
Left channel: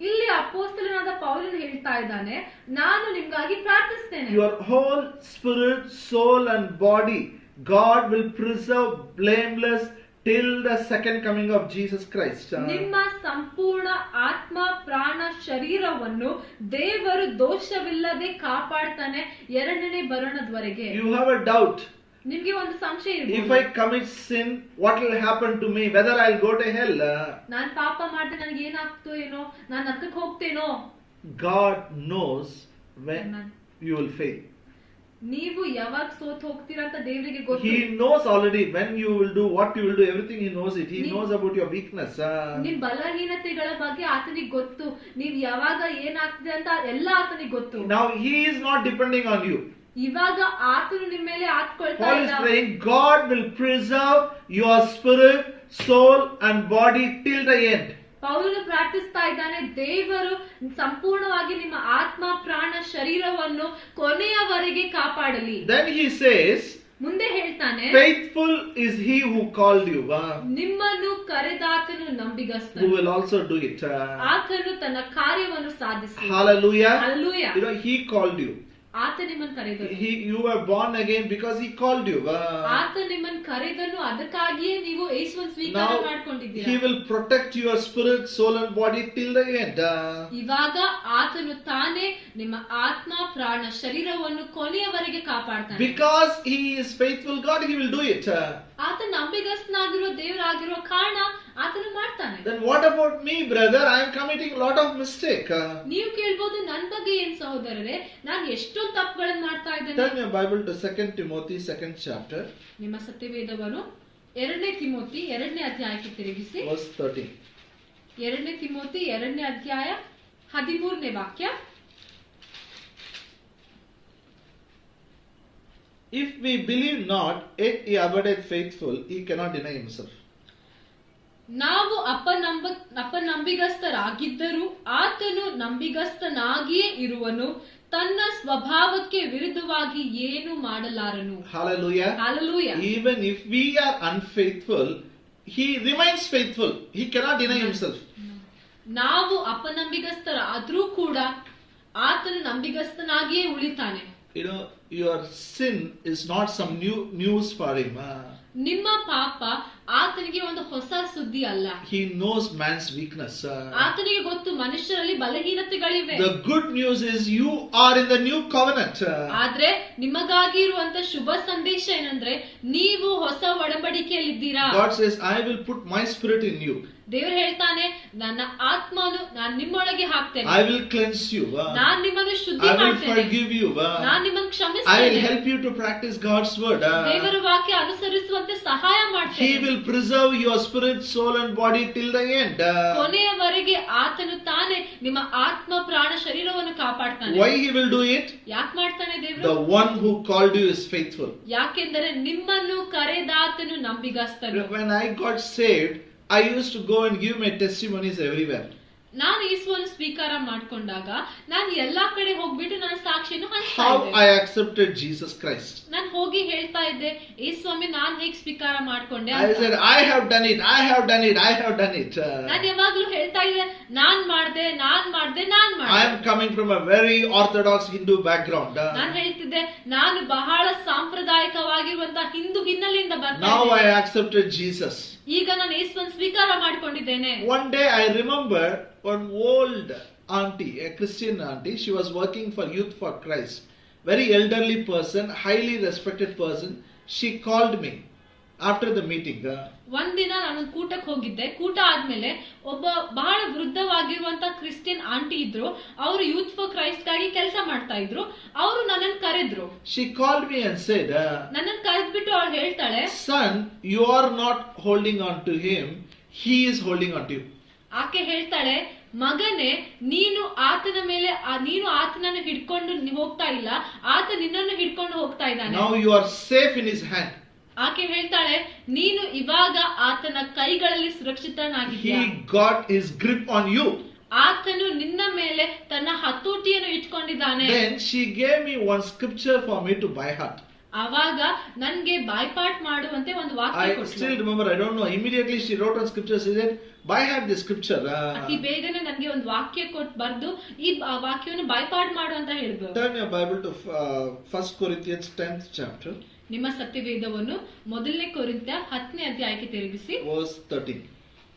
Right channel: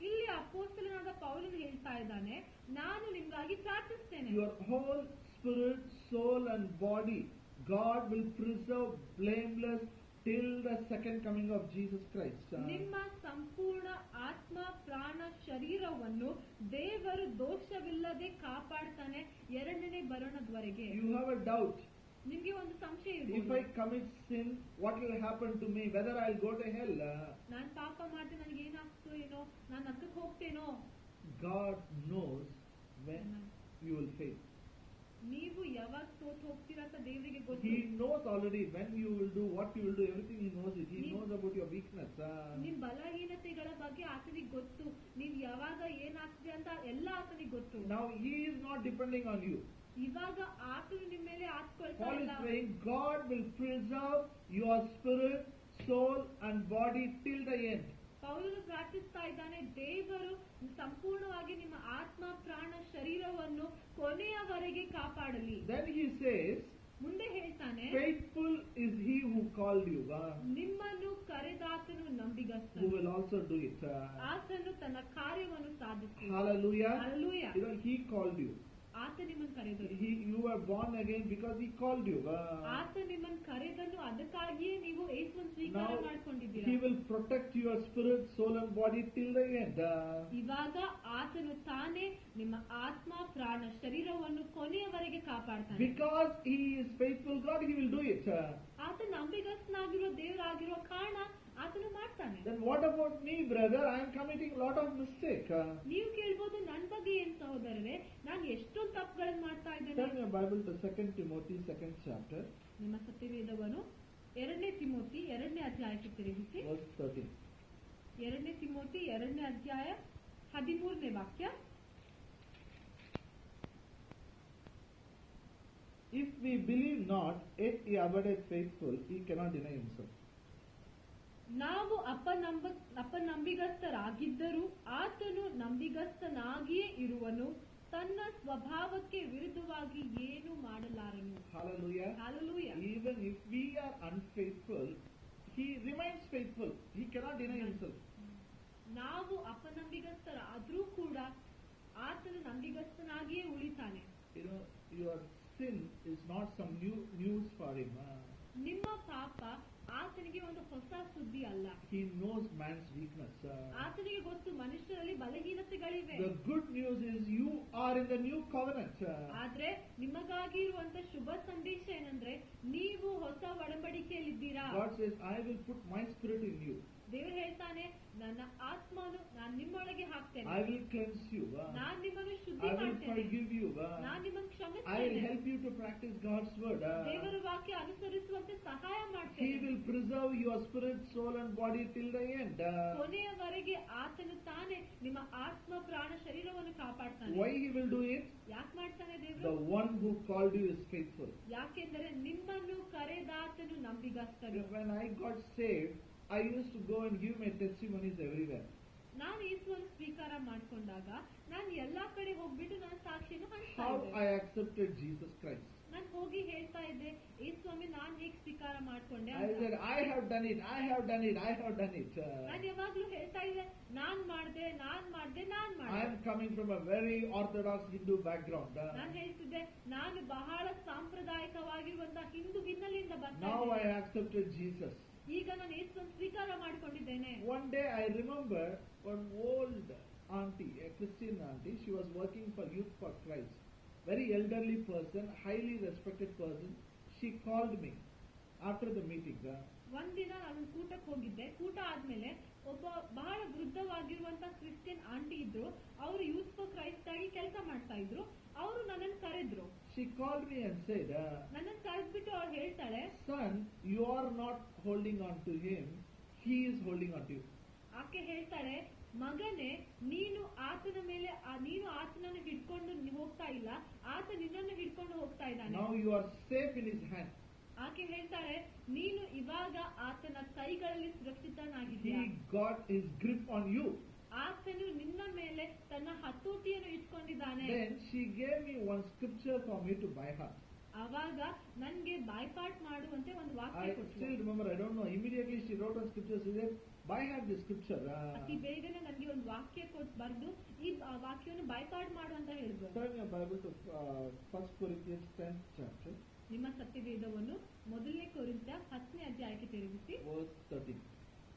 ಇಲ್ಲಿ ಅಪೊಸ್ತಲನಾದ ಪೌಲನು ಹೇಳ್ತಾ ಇದ್ದಾನೆ, ನಾನು ನಿಮ್ಗಾಗಿ ಪ್ರಾರ್ಥಿಸ್ತೇನೆ. Your whole spirit, soul and body, God will preserve blameless till the second coming of Jesus Christ. ನಿಮ್ಮ ಸಂಪೂರ್ಣ ಆತ್ಮ ಪ್ರಾಣ ಶರೀರವನ್ನು ದೇವರು ದೋಷವಿಲ್ಲದೆ ಕಾಪಾಡ್ತಾನೆ ಎರಡನೇ ಬರೋಣದವರೆಗೆ. You have a doubt. ನಿಮ್ಗೆ ಒಂದು ಸಂಶಯ If ಇರಬಹುದು. I commit sin, what will happen to me? Whether I'll go to hell? ನಾನ್ ಪಾಪ ಮಾಡಿದ್ರೆ ನನಗೆ ಏನಾಗ್ತೋ ಏನೋ, ನಾನು ನರಕಕ್ಕೆ ಹೋಗ್ತೇನೋ. God knows when Amen. you will fail. ನೀವು ಯಾವಾಗ ಸೋತ್ ಹೋಗ್ತೀರಾ ಅಂತ ದೇವರಿಗೆ ಗೊತ್ತು. He knows already when you will do, what you will do, everything He knows it. He knows about your weakness. ನಿಮ್ ಬಲಹೀನತೆಗಳ ಬಗ್ಗೆ ಆತನಿಗೆ ಗೊತ್ತು. ನೀವ್ ಯಾವಾಗ ಏನಾಗ್ತದೆ ಅಂತ ಎಲ್ಲ ಆತನಿಗೆ ಗೊತ್ತು. Now He is not depending on you. ಇವಾಗ ಆತನು ನಿಮ್ಮ ಮೇಲೆ ಆತ್ಕೊಳ್ತಾ Paul is ಇಲ್ಲ. praying, God will preserve your spirit, soul and body till the end. ಪೌಲನು ಪ್ರಾರ್ಥಿಸ್ತಾ ಇದ್ದಾನೆ, ದೇವರು ಸಂಪೂರ್ಣವಾಗಿ ನಿಮ್ಮ ಆತ್ಮ ಪ್ರಾಣ ಶರೀರವನ್ನು ಕೊನೆಯವರೆಗೆ ಕಾಪಾಡಲಿ. Then he says, ಮುಂದೆ ಹೇಳ್ತಾನೆ, faithful is He who called you, ನಿಮ್ಮನ್ನು ಕರೆದಾತನು ನಂಬಿಗಸ್ತನು, who will also do it. ಆತನು ತನ್ನ ಕಾರ್ಯವನ್ನು ಸಾಧಿಸುವನು. Hallelujah. Hallelujah. You know, He called you. ಆತ ನಿಮ್ಮನ್ನು ಕರೆದನು. You were born again because He called you. ಆತ ನಿಮ್ಮನ್ನು ಕರೆದನು, ಅದಕ್ಕಾಗಿಯೇ ನೀವು ಯೇಸುವನ್ನು ಸ್ವೀಕಾರ Now ಮಾಡಿಕೊಂಡಿದ್ದೀರಾ. He will protect your spirit, soul and body till the end. ಇವಾಗ ಆತನು ತಾನೇ ನಿಮ್ಮ ಆತ್ಮ ಪ್ರಾಣ ಶರೀರವನ್ನು ಕೊನೆಯವರೆಗೆ ಕಾಪಾಡ್ತಾನೆ. Because He is faithful God, He will do it. ಆತ ನಂಬಿಗಸ್ತನಾಗಿರೋ ದೇವರಾಗಿರೋ ಕಾರಣ ಆತನು ಮಾಡ್ತಾನೆ. Then what about me, brother? I am committing a lot of mistake. ನೀವು ಕೇಳ್ಬೋದು, ನನ್ನ ಬಗ್ಗೆ ಏನ್ ಸಹೋದರರೇ, ನಾನು ಎಷ್ಟೊಂದು ತಪ್ಪುಗಳನ್ನು ಮಾಡ್ತಾ ಇದ್ದೇನೆ. Turn your Bible to 2 Timothy 2nd chapter, ನಿಮ್ಮ ಸತ್ಯವೇದವನ್ನು 2 ತಿಮೋತಿ 2ನೇ ಅಧ್ಯಾಯಕ್ಕೆ ತಿರುಗಿಸಿ. verse 13. 2 ತಿಮೋತಿ 2ನೇ ಅಧ್ಯಾಯ 13ನೇ ವಾಕ್ಯ. If we believe not, yet He abideth faithful, He cannot deny Himself. ನಾವು ಅಪನಂಬಿಗಸ್ತರಾಗಿದ್ದರೂ ಆತನು ನಂಬಿಗಸ್ತನಾಗಿಯೇ ಇರುವನು, ತನ್ನ ಸ್ವಭಾವಕ್ಕೆ ವಿರುದ್ಧವಾಗಿ ಏನು ಮಾಡಲಾರನು. Hallelujah. Hallelujah. Even if we are unfaithful, He remains faithful. He cannot deny Himself. ನಾವು ಅಪನಂಬಿಗಸ್ತರಾದ್ರೂ ಕೂಡ ಆತನು ನಂಬಿಗಸ್ತನಾಗಿಯೇ ಉಳಿತಾನೆ. You know, your sin is not some new news for Him. ನಿಮ್ಮ ಪಾಪ ಆತನಿಗೆ ಒಂದು ಹೊಸ ಸುದ್ದಿ ಅಲ್ಲ. He knows man's weakness. ಆತನಿಗೆ ಗೊತ್ತು ಮನುಷ್ಯರಲ್ಲಿ ಬಲಹೀನತೆಗಳಿವೆ. The good news is you are in the new covenant. ಆದ್ರೆ ನಿಮಗಾಗಿ ಇರುವಂತ ಶುಭ ಸಂದೇಶ ಏನಂದ್ರೆ, ನೀವು ಹೊಸ ಒಡಂಬಡಿಕೆಯಲ್ಲಿದ್ದೀರಾ. God says, I will put my spirit in you. ದೇವರು ಹೇಳ್ತಾನೆ, ನನ್ನ ಆತ್ಮನು ನಾನು ನಿಮ್ಮೊಳಗೆ ಹಾಕ್ತೇನೆ. I will cleanse you. ನಾನು ನಿಮ್ಮನ್ನು ಶುದ್ಧಿ I will ಮಾಡ್ತೇನೆ. forgive you. ನಾನು ನಿಮ್ಮನ್ನು I will ಕ್ಷಮಿಸ್ತೇನೆ. help you to practice God's word. ದೇವರ ವಾಕ್ಯ ಅನುಸರಿಸುವಂತೆ ಸಹಾಯ He ಮಾಡ್ತೇನೆ. will preserve your spirit, soul and body till the end. ಕೊನೆಯವರೆಗೆ ಆತನು ತಾನೇ ನಿಮ್ಮ ಆತ್ಮ ಪ್ರಾಣ ಶರೀರವನ್ನು ಕಾಪಾಡ್ತಾನೆ. Why He will do it? ಯಾಕೆ ಮಾಡ್ತಾನೆ The ದೇವರು? one who called you is faithful. ಯಾಕೆಂದರೆ ನಿಮ್ಮನ್ನು ಕರೆದಾತನು ನಂಬಿಗಸ್ತನು. When I got saved, I used to go and give my testimonies everywhere. ನಾನು ಯೇಸುವನ್ನು ಸ್ವೀಕಾರ ಮಾಡ್ಕೊಂಡಾಗ ನಾನು ಎಲ್ಲಾ ಕಡೆ ಹೋಗ್ಬಿಟ್ಟು ನನ್ನ ಸಾಕ್ಷಿಯನ್ನು ಹಂಚ್ತಾ How ಇದ್ದೆ. I accepted Jesus Christ. ನಾನು ಹೋಗಿ ಹೇಳ್ತಾ ಇದ್ದೆ, ಯೇಸುಸ್ವಾಮಿ ನಾನು ಹೇಗೆ ಸ್ವೀಕಾರ ಮಾಡ್ಕೊಂಡೆ I said, I have done it, I have done it, I have done it. ನಾನು ಯಾವಾಗ್ಲೂ ಹೇಳ್ತಾ ಇದ್ದೆ, ನಾನ್ ಮಾಡ್ದೆ. I am coming from a very orthodox Hindu background. ನಾನು ಹೇಳ್ತಿದ್ದೆ, ನಾನು ಬಹಳ ಸಾಂಪ್ರದಾಯಿಕವಾಗಿರುವಂತಹ ಹಿಂದೂ ಹಿನ್ನೆಲೆಯಿಂದ ಬರ್ತಾ Now I ಇದ್ದೇನೆ. accepted Jesus. ಈಗ ನಾನು ಯೇಸುವನ್ನು ಸ್ವೀಕಾರ ಮಾಡ್ಕೊಂಡಿದ್ದೇನೆ. One day I remember one old auntie, a Christian auntie, she was working for Youth for Christ. Very elderly person, highly respected person. She called me after the meeting. ಒಂದಿನ ನಾನು ಕೂಟಕ್ಕೆ ಹೋಗಿದ್ದೆ. ಕೂಟ ಆದ್ಮೇಲೆ ಒಬ್ಬ ಬಹಳ ವೃದ್ಧವಾಗಿರುವಂತ ಕ್ರಿಶ್ಚಿಯನ್ ಆಂಟಿ ಇದ್ರು. ಅವರು ಯೂತ್ ಫಾರ್ ಕ್ರೈಸ್ಟ್ ಗಾಗಿ ಕೆಲಸ ಮಾಡ್ತಾ ಇದ್ರು. ಅವರು ನನ್ನನ್ನು ಕರೆದ್ರು. She called me and said, ನನ್ನನ್ನು ಕರೆದ್ಬಿಟ್ಟು ಅವಳು ಹೇಳ್ತಾಳೆ, son, you are not holding on to him, he is holding on to you. ಆಕೆ ಹೇಳ್ತಾಳೆ, ಮಗನೇ, ನೀನು ಆತನ ಮೇಲೆ ನೀನು ಆತನನ್ನು ಹಿಡ್ಕೊಂಡು ಹೋಗ್ತಾ ಇಲ್ಲ, ಆತ ನಿನ್ನನ್ನು ಹಿಡ್ಕೊಂಡು ಹೋಗ್ತಾ ಇದ್ದಾನೆ. Now you are safe in his hand. ಆಕೆ ಹೇಳ್ತಾಳೆ, ನೀನು ಇವಾಗ ಆತನ ಕೈಗಳಲ್ಲಿ ಸುರಕ್ಷಿತನಾಗಿದ್ದೀಯ. He got his grip on you. ಆತನು ನಿನ್ನ ಮೇಲೆ ತನ್ನ ಹತೋಟಿಯನ್ನು ಇಟ್ಕೊಂಡಿದ್ದಾನೆ. Then she gave me one scripture for me to by heart. ಆವಾಗ ನನ್ಗೆ ಬಾಯ್ಪಾಟ್ ಮಾಡುವಂತೆ ಒಂದು ವಾಕ್ಯ I ಕೊಟ್ಲು. still remember, I don't know, immediately she wrote on scripture, she said, by heart this scripture. ಅತಿ ಬೇಗನೆ ನನ್ಗೆ ಒಂದು ವಾಕ್ಯ ಕೊಟ್ಟು ಬರ್ದು ಈ ವಾಕ್ಯವನ್ನು ಬಾಯ್ಪಾಟ್ ಮಾಡು ಅಂತ ಹೇಳಿದ್ರು. Turn your Bible to 1 Corinthians 10th chapter. ನಿಮ್ಮ ಸತ್ಯವೇದವನ್ನು ಮೊದಲನೇ ಕೊರಿಂಥ 10ನೇ ಅಧ್ಯಾಯಕ್ಕೆ ತಿರುಗಿಸಿ. Verse 13.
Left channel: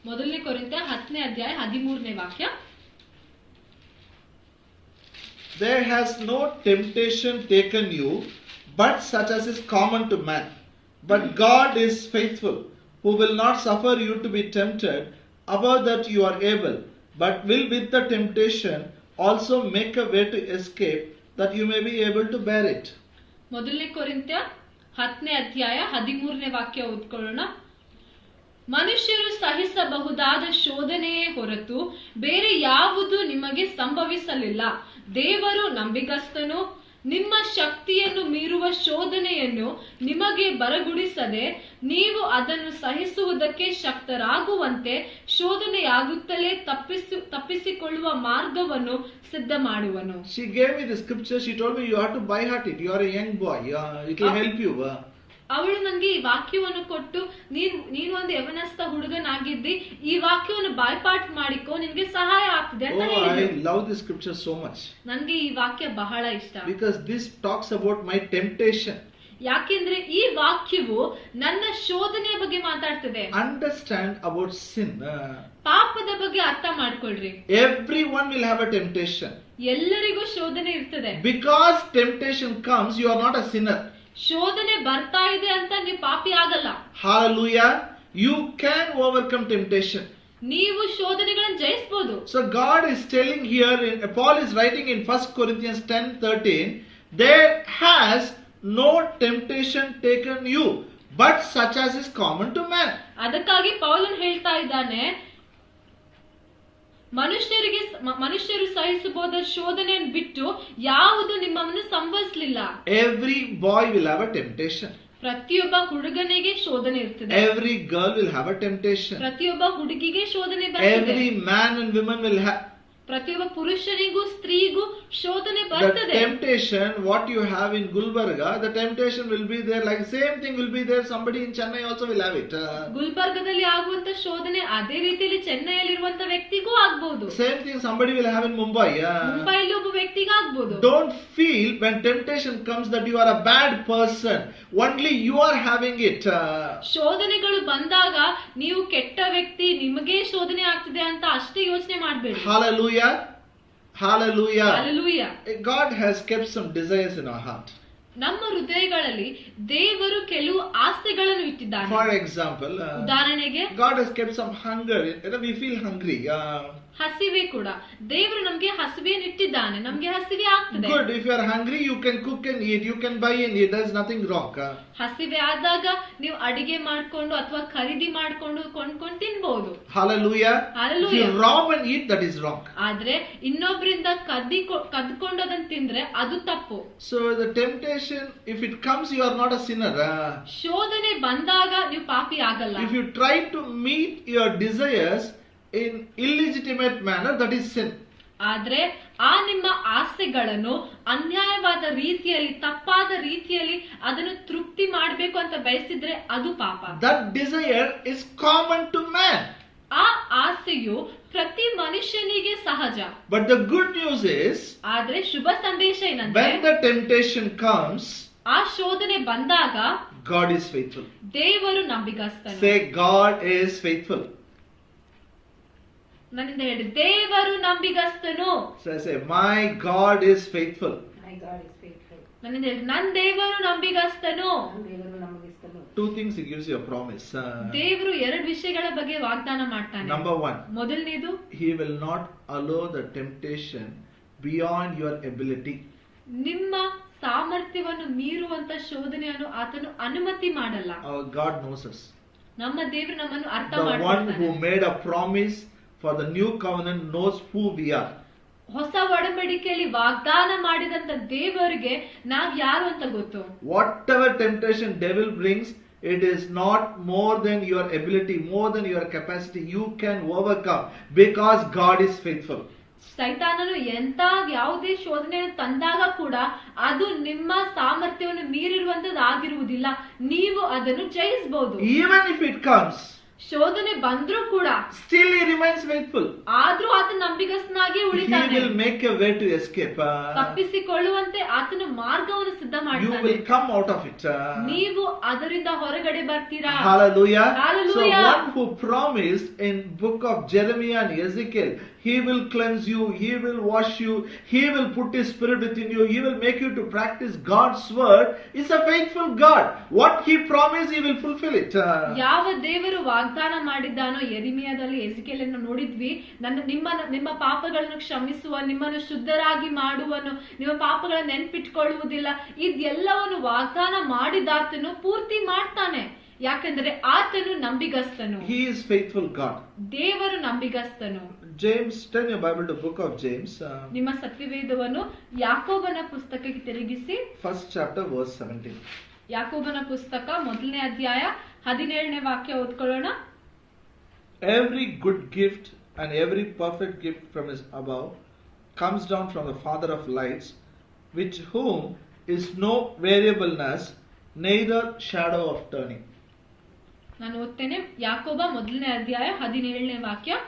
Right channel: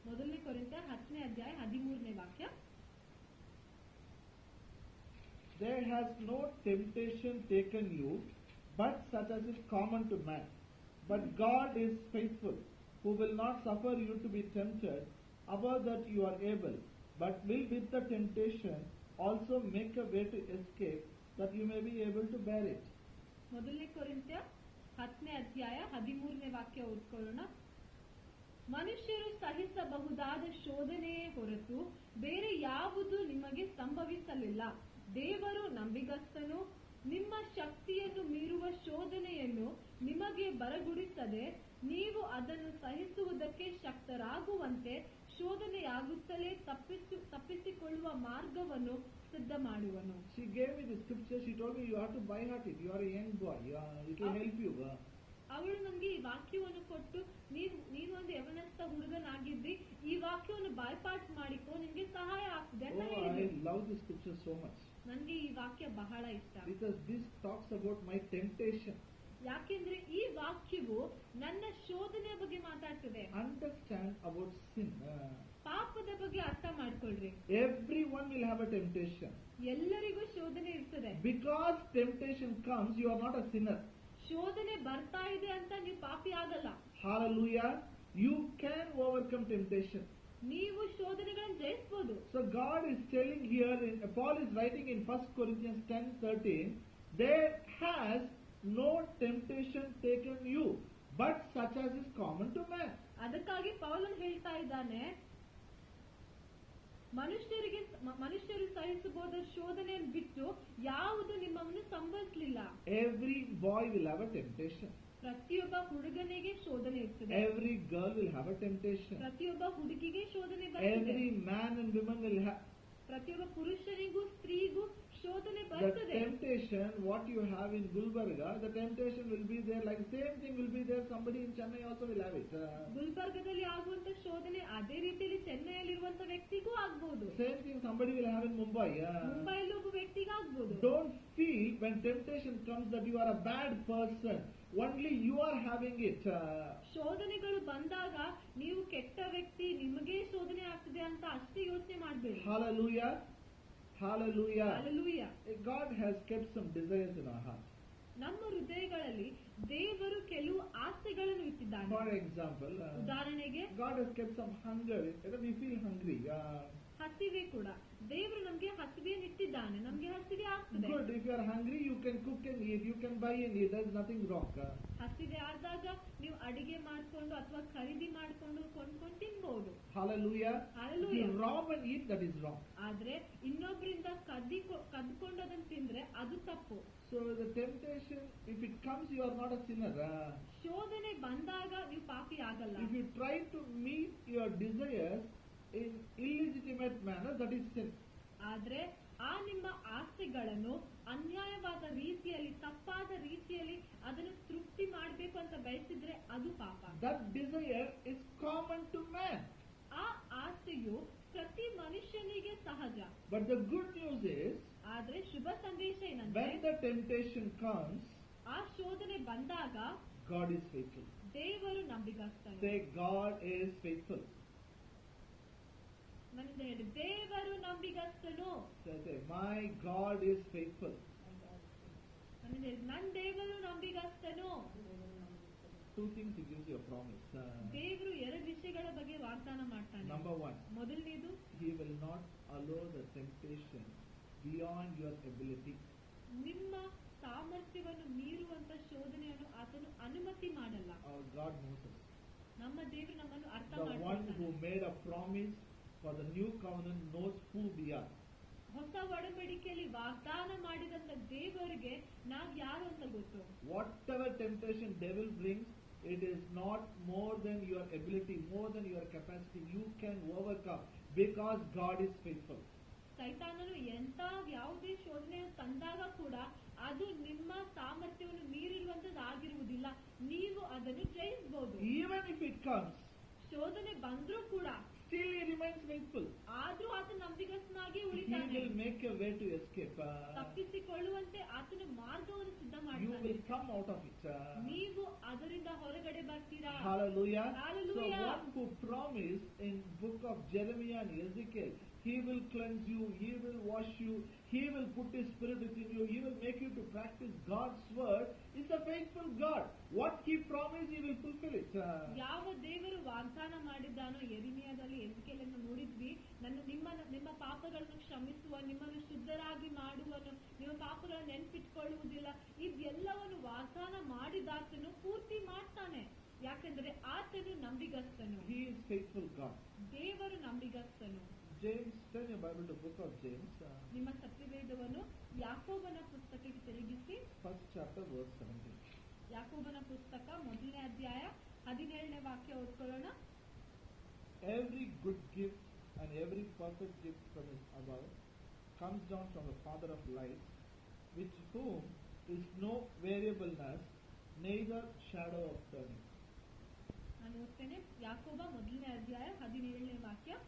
ಮೊದಲನೇ ಕೊರಿಂಥ 10ನೇ ಅಧ್ಯಾಯ 13ನೇ ವಾಕ್ಯ. There has no temptation taken you, but such as is common to man. But God is faithful, who will not suffer you to be tempted above that you are able, but will with the temptation also make a way to escape, that you may be able to bear it. ಮೊದಲನೇ ಕೊರಿಂಥ 10ನೇ ಅಧ್ಯಾಯ 13ನೇ ವಾಕ್ಯ ಓದ್ಕೊಳ್ಳೋಣ. ಮನುಷ್ಯರು ಸಹಿಸಬಹುದಾದ ಶೋಧನೆಯೇ ಹೊರತು ಬೇರೆ ಯಾವುದು ನಿಮಗೆ ಸಂಭವಿಸಲಿಲ್ಲ. ದೇವರು ನಂಬಿಗಸ್ತನು, ನಿಮ್ಮ ಶಕ್ತಿಯನ್ನು ಮೀರುವ ಶೋಧನೆಯನ್ನು ನಿಮಗೆ ಬರಗುಡಿಸದೆ ನೀವು ಅದನ್ನು ಸಹಿಸುವುದಕ್ಕೆ ಶಕ್ತರಾಗುವಂತೆ ಶೋಧನೆಯಾಗುತ್ತಲೇ ತಪ್ಪಿಸಿಕೊಳ್ಳುವ ಮಾರ್ಗವನ್ನು ಸಿದ್ಧ ಮಾಡುವನು. She gave me the scripture, she told me you have to by heart it, you are a young boy, it will help you. ಅವಳು ನನಗೆ ಈ ವಾಕ್ಯವನ್ನು ಕೊಟ್ಟು ನೀನು ಒಂದು ಯವನಸ್ಥ ಹುಡುಗನಾಗಿದ್ದಿ, ಈ ವಾಕ್ಯವನ್ನು ಬಾಯ್ಪಾಟ್ ಮಾಡಿಕೋ, ನಿನ್ಗೆ ಸಹಾಯ ಆಗ್ತದೆ ಅಂತ ಹೇಳಿದ್ರು. I love this scripture so much. ನನಗೆ ಈ ವಾಕ್ಯ ಬಹಳ ಇಷ್ಟ. Because this talks about my temptation. ಯಾಕೆಂದ್ರೆ ಈ ವಾಕ್ಯವು ನನ್ನ ಶೋಧನೆಯ ಬಗ್ಗೆ ಮಾತಾಡ್ತದೆ. Understand about sin. ಪಾಪದ ಬಗ್ಗೆ ಅರ್ಥ ಮಾಡ್ಕೊಳ್ರಿ. Everyone will have a temptation. ಎಲ್ಲರಿಗೂ ಶೋಧನೆ ಇರ್ತದೆ. Because temptation comes, you are not a sinner. ಶೋಧನೆ ಬರ್ತಾ ಇದೆ ಅಂತ ನೀವು ಪಾಪಿ ಆಗಲ್ಲ. Hallelujah. You can overcome temptation. ನೀವು ಶೋಧನೆಗಳನ್ನು ಜಯಿಸಬಹುದು. So God is telling here, Paul is writing in 1 Corinthians 10:13, there has no temptation taken you, but such as is common to man. ಅದಕ್ಕಾಗಿ ಪೌಲನ್ ಹೇಳ್ತಾ ಇದ್ದಾನೆ, ಮನುಷ್ಯರು ಸಹಿಸಬಹುದ ಶೋಧನೆಯನ್ನು ಬಿಟ್ಟು ಯಾವುದು ನಿಮ್ಮನ್ನು ಸಂಭವಿಸಲಿಲ್ಲ. Every boy will have a temptation. ಪ್ರತಿಯೊಬ್ಬ ಹುಡುಗನಿಗೆ ಶೋಧನೆ ಇರ್ತದೆ. Every girl will have a temptation. ಪ್ರತಿಯೊಬ್ಬ ಹುಡುಗಿಗೆ ಶೋಧನೆ ಬರ್ತದೆ. Every man and woman will have. ಪ್ರತಿಯೊಬ್ಬ ಪುರುಷನಿಗೂ ಸ್ತ್ರೀಗೂ ಶೋಧನೆ The ಬರ್ತದೆ. temptation what you have in Gulbarga, the temptation will be there, like same thing will be there, somebody in Chennai also will have it. ಗುಲ್ಬರ್ಗದಲ್ಲಿ ಆಗುವಂತ ಶೋಧನೆ ಅದೇ ರೀತಿಯಲ್ಲಿ ಚೆನ್ನೈಯಲ್ಲಿರುವಂತ ವ್ಯಕ್ತಿಗೂ ಆಗ್ಬಹುದು. Same thing somebody will have in Mumbai. ಮುಂಬೈಲಿ ಒಬ್ಬ ವ್ಯಕ್ತಿಗೆ ಆಗ್ಬಹುದು. Don't feel when temptation comes that you are a bad person, only you are having it. ಶೋಧನೆಗಳು ಬಂದಾಗ ನೀವು ಕೆಟ್ಟ ವ್ಯಕ್ತಿ, ನಿಮಗೆ ಶೋಧನೆ ಆಗ್ತಿದೆ ಅಂತ ಅಷ್ಟೇ ಯೋಚನೆ ಮಾಡಬೇಡಿ. Hallelujah. Hallelujah. Hallelujah. God has kept some desires in our heart. ನಮ್ಮ ಹೃದಯಗಳಲ್ಲಿ ದೇವರು ಕೆಲವು ಆಸೆಗಳನ್ನು ಇಟ್ಟಿದ್ದಾನೆ. For example, ಉದಾಹರಣೆಗೆ God has kept some hunger. We feel hungry. ಹಸಿವೆ ಕೂಡ ದೇವರು ನಮ್ಗೆ ಹಸಿವೆಯನ್ನು ಇಟ್ಟಿದ್ದಾನೆ. ನಮ್ಗೆ ಹಸಿವೆ ಆಗ್ತದೆ. Good. If you are hungry, you can cook and eat. You can buy and eat. There's nothing wrong. ಹಸಿವೆ ಆದಾಗ ನೀವು ಅಡಿಗೆ ಮಾಡ್ಕೊಂಡು ಅಥವಾ ಖರೀದಿ ಮಾಡ್ಕೊಂಡು ಕೊಂಡ್ಕೊಂಡು ತಿನ್ಬಹುದು. Hallelujah. Hallelujah. If you rob and eat, that is wrong. ಆದ್ರೆ ಇನ್ನೊಬ್ಬರಿಂದ ಕದ್ಕೊಂಡು ಅದನ್ನ ತಿಂದ್ರೆ ಅದು ತಪ್ಪು. So the temptation, if it comes, you are not a sinner. ಶೋಧನೆ ಬಂದಾಗ ನೀವು ಪಾಪಿ ಆಗಲ್ಲ. If you try to meet your desires in illegitimate manner, that is sin. ಆದ್ರೆ ಆ ನಿಮ್ಮ ಆಸೆಗಳನ್ನು ಅನ್ಯಾಯವಾದ ರೀತಿಯಲ್ಲಿ, ತಪ್ಪಾದ ರೀತಿಯಲ್ಲಿ ಅದನ್ನು ತೃಪ್ತಿ ಮಾಡಬೇಕು ಅಂತ ಬಯಸಿದ್ರೆ ಅದು ಪಾಪ. That desire is common to man. ಆ ಆಸೆಯು ಪ್ರತಿ ಮನುಷ್ಯನಿಗೆ ಸಹಜ. But the good news is, ಆದ್ರೆ ಶುಭ ಸಂದೇಶ ಏನಂದ್ರೆ, when the temptation comes, ಆ ಶೋಧನೆ ಬಂದಾಗ God is faithful. ದೇವರು ನಂಬಿಗಸ್ತನು. Say, God is faithful. ನನ್ನಿಂದ ಹೇಳಿ, ದೇವರು ನಂಬಿಗಸ್ತನು. So I say, my God is faithful. My God is faithful. ನನ್ನಿಂದ ಹೇಳಿ, ನನ್ನ ದೇವರು ನಂಬಿಗಸ್ತನು. ದೇವರು ನಂಬಿಗಸ್ತನು. Two things he gives you a promise. ದೇವರು ಎರಡು ವಿಷಯಗಳ ಬಗ್ಗೆ ವಾಗ್ದಾನ ಮಾಡ್ತಾನೆ. Number one, ಮೊದಲನೇದು, he will not allow the temptation beyond your ability. ನಿಮ್ಮ ಸಾಮರ್ಥ್ಯವನ್ನು ಮೀರುವಂತ ಶೋಧನೆಯನ್ನು ಆತನು ಅನುಮತಿ ಮಾಡಲ್ಲ. Our God knows us. ನಮ್ಮ ದೇವರು ನಮ್ಮನ್ನು ಅರ್ಥ The one who ಮಾಡ್ತಾನೆ. made a promise for the new covenant knows who we are. ಹೊಸ ಒಡಂಬಡಿಕೆಯಲ್ಲಿ ವಾಗ್ದಾನ ಮಾಡಿದಂತ ದೇವರಿಗೆ ನಾವ್ ಯಾರು ಅಂತ ಗೊತ್ತು. Whatever temptation devil brings, it is not more than your ability, more than your capacity. You can overcome because God is faithful. ಸೈತಾನನು ಎಂತ ಯಾವುದೇ ಶೋಧನೆಯನ್ನು ತಂದಾಗ ಕೂಡ ಅದು ನಿಮ್ಮ ಸಾಮರ್ಥ್ಯವನ್ನು ಮೀರಿರುವಂತದ್ದು ಆಗಿರುವುದಿಲ್ಲ. ನೀವು ಅದನ್ನು ಜಯಿಸಬಹುದು. Even if it comes, ಶೋಧನೆ ಬಂದ್ರೂ ಕೂಡ still he remains faithful. ಆದ್ರೂ ಆತ ನಂಬಿಗಸ್ತನಾಗಿ He ಉಳಿತಾನೆ. will make a way to escape. ತಪ್ಪಿಸಿಕೊಳ್ಳುವಂತೆ ಆತನ ಮಾರ್ಗವನ್ನು ಸಿದ್ಧ You ಮಾಡ್ತಾನೆ. will come out of it. ನೀವು ಅದರಿಂದ ಹೊರಗಡೆ ಬರ್ತೀರಾ. Hallelujah. Hallelujah. So one who promised in book of Jeremiah and Ezekiel, he will cleanse you, he will wash you, he will put his spirit within you, he will make you to practice God's word, is a faithful God. What he promised, he will fulfill it. ಯಾವ ದೇವರು ವಾಗ್ದಾನ ಮಾಡಿದ್ದಾನೋ, ಯೆರೆಮೀಯದಲ್ಲಿ ಎಜಿಕೇಲನ್ನು ನೋಡಿದ್ವಿ, ನಿಮ್ಮ ಪಾಪಗಳನ್ನು ಕ್ಷಮಿಸುವ, ನಿಮ್ಮನ್ನು ಶುದ್ಧರಾಗಿ ಮಾಡುವನು, ನಿಮ್ಮ ಪಾಪಗಳನ್ನು ನೆನ್ಪಿಟ್ಕೊಳ್ಳುವುದಿಲ್ಲ, ಇದೆಲ್ಲವನ್ನು ವಾಗ್ದಾನ ಮಾಡಿದಾತನು ಪೂರ್ತಿ ಮಾಡ್ತಾನೆ. ಯಾಕಂದ್ರೆ ಆತನು ನಂಬಿಗಸ್ತನು. He is faithful God. ದೇವರು ನಂಬಿಗಸ್ತನು. James, turn your Bible to book of James. ನಿಮ್ಮ ಸತ್ಯವೇದವನ್ನು ಯಾಕೋಬನ ಪುಸ್ತಕಕ್ಕೆ ತಿರುಗಿಸಿ. First chapter verse 17. ಯಾಕೋಬನ ಪುಸ್ತಕ 1ನೇ ಅಧ್ಯಾಯ 17ನೇ ವಾಕ್ಯ ಓದ್ಕೊಳ್ಳೋಣ. Every good gift and every perfect gift from his above comes down from the Father of lights, with whom is no variableness, neither shadow of turning. ನಾನು ಓದ್ತೇನೆ. ಯಾಕೋಬ 1ನೇ ಅಧ್ಯಾಯ 17ನೇ ವಾಕ್ಯ.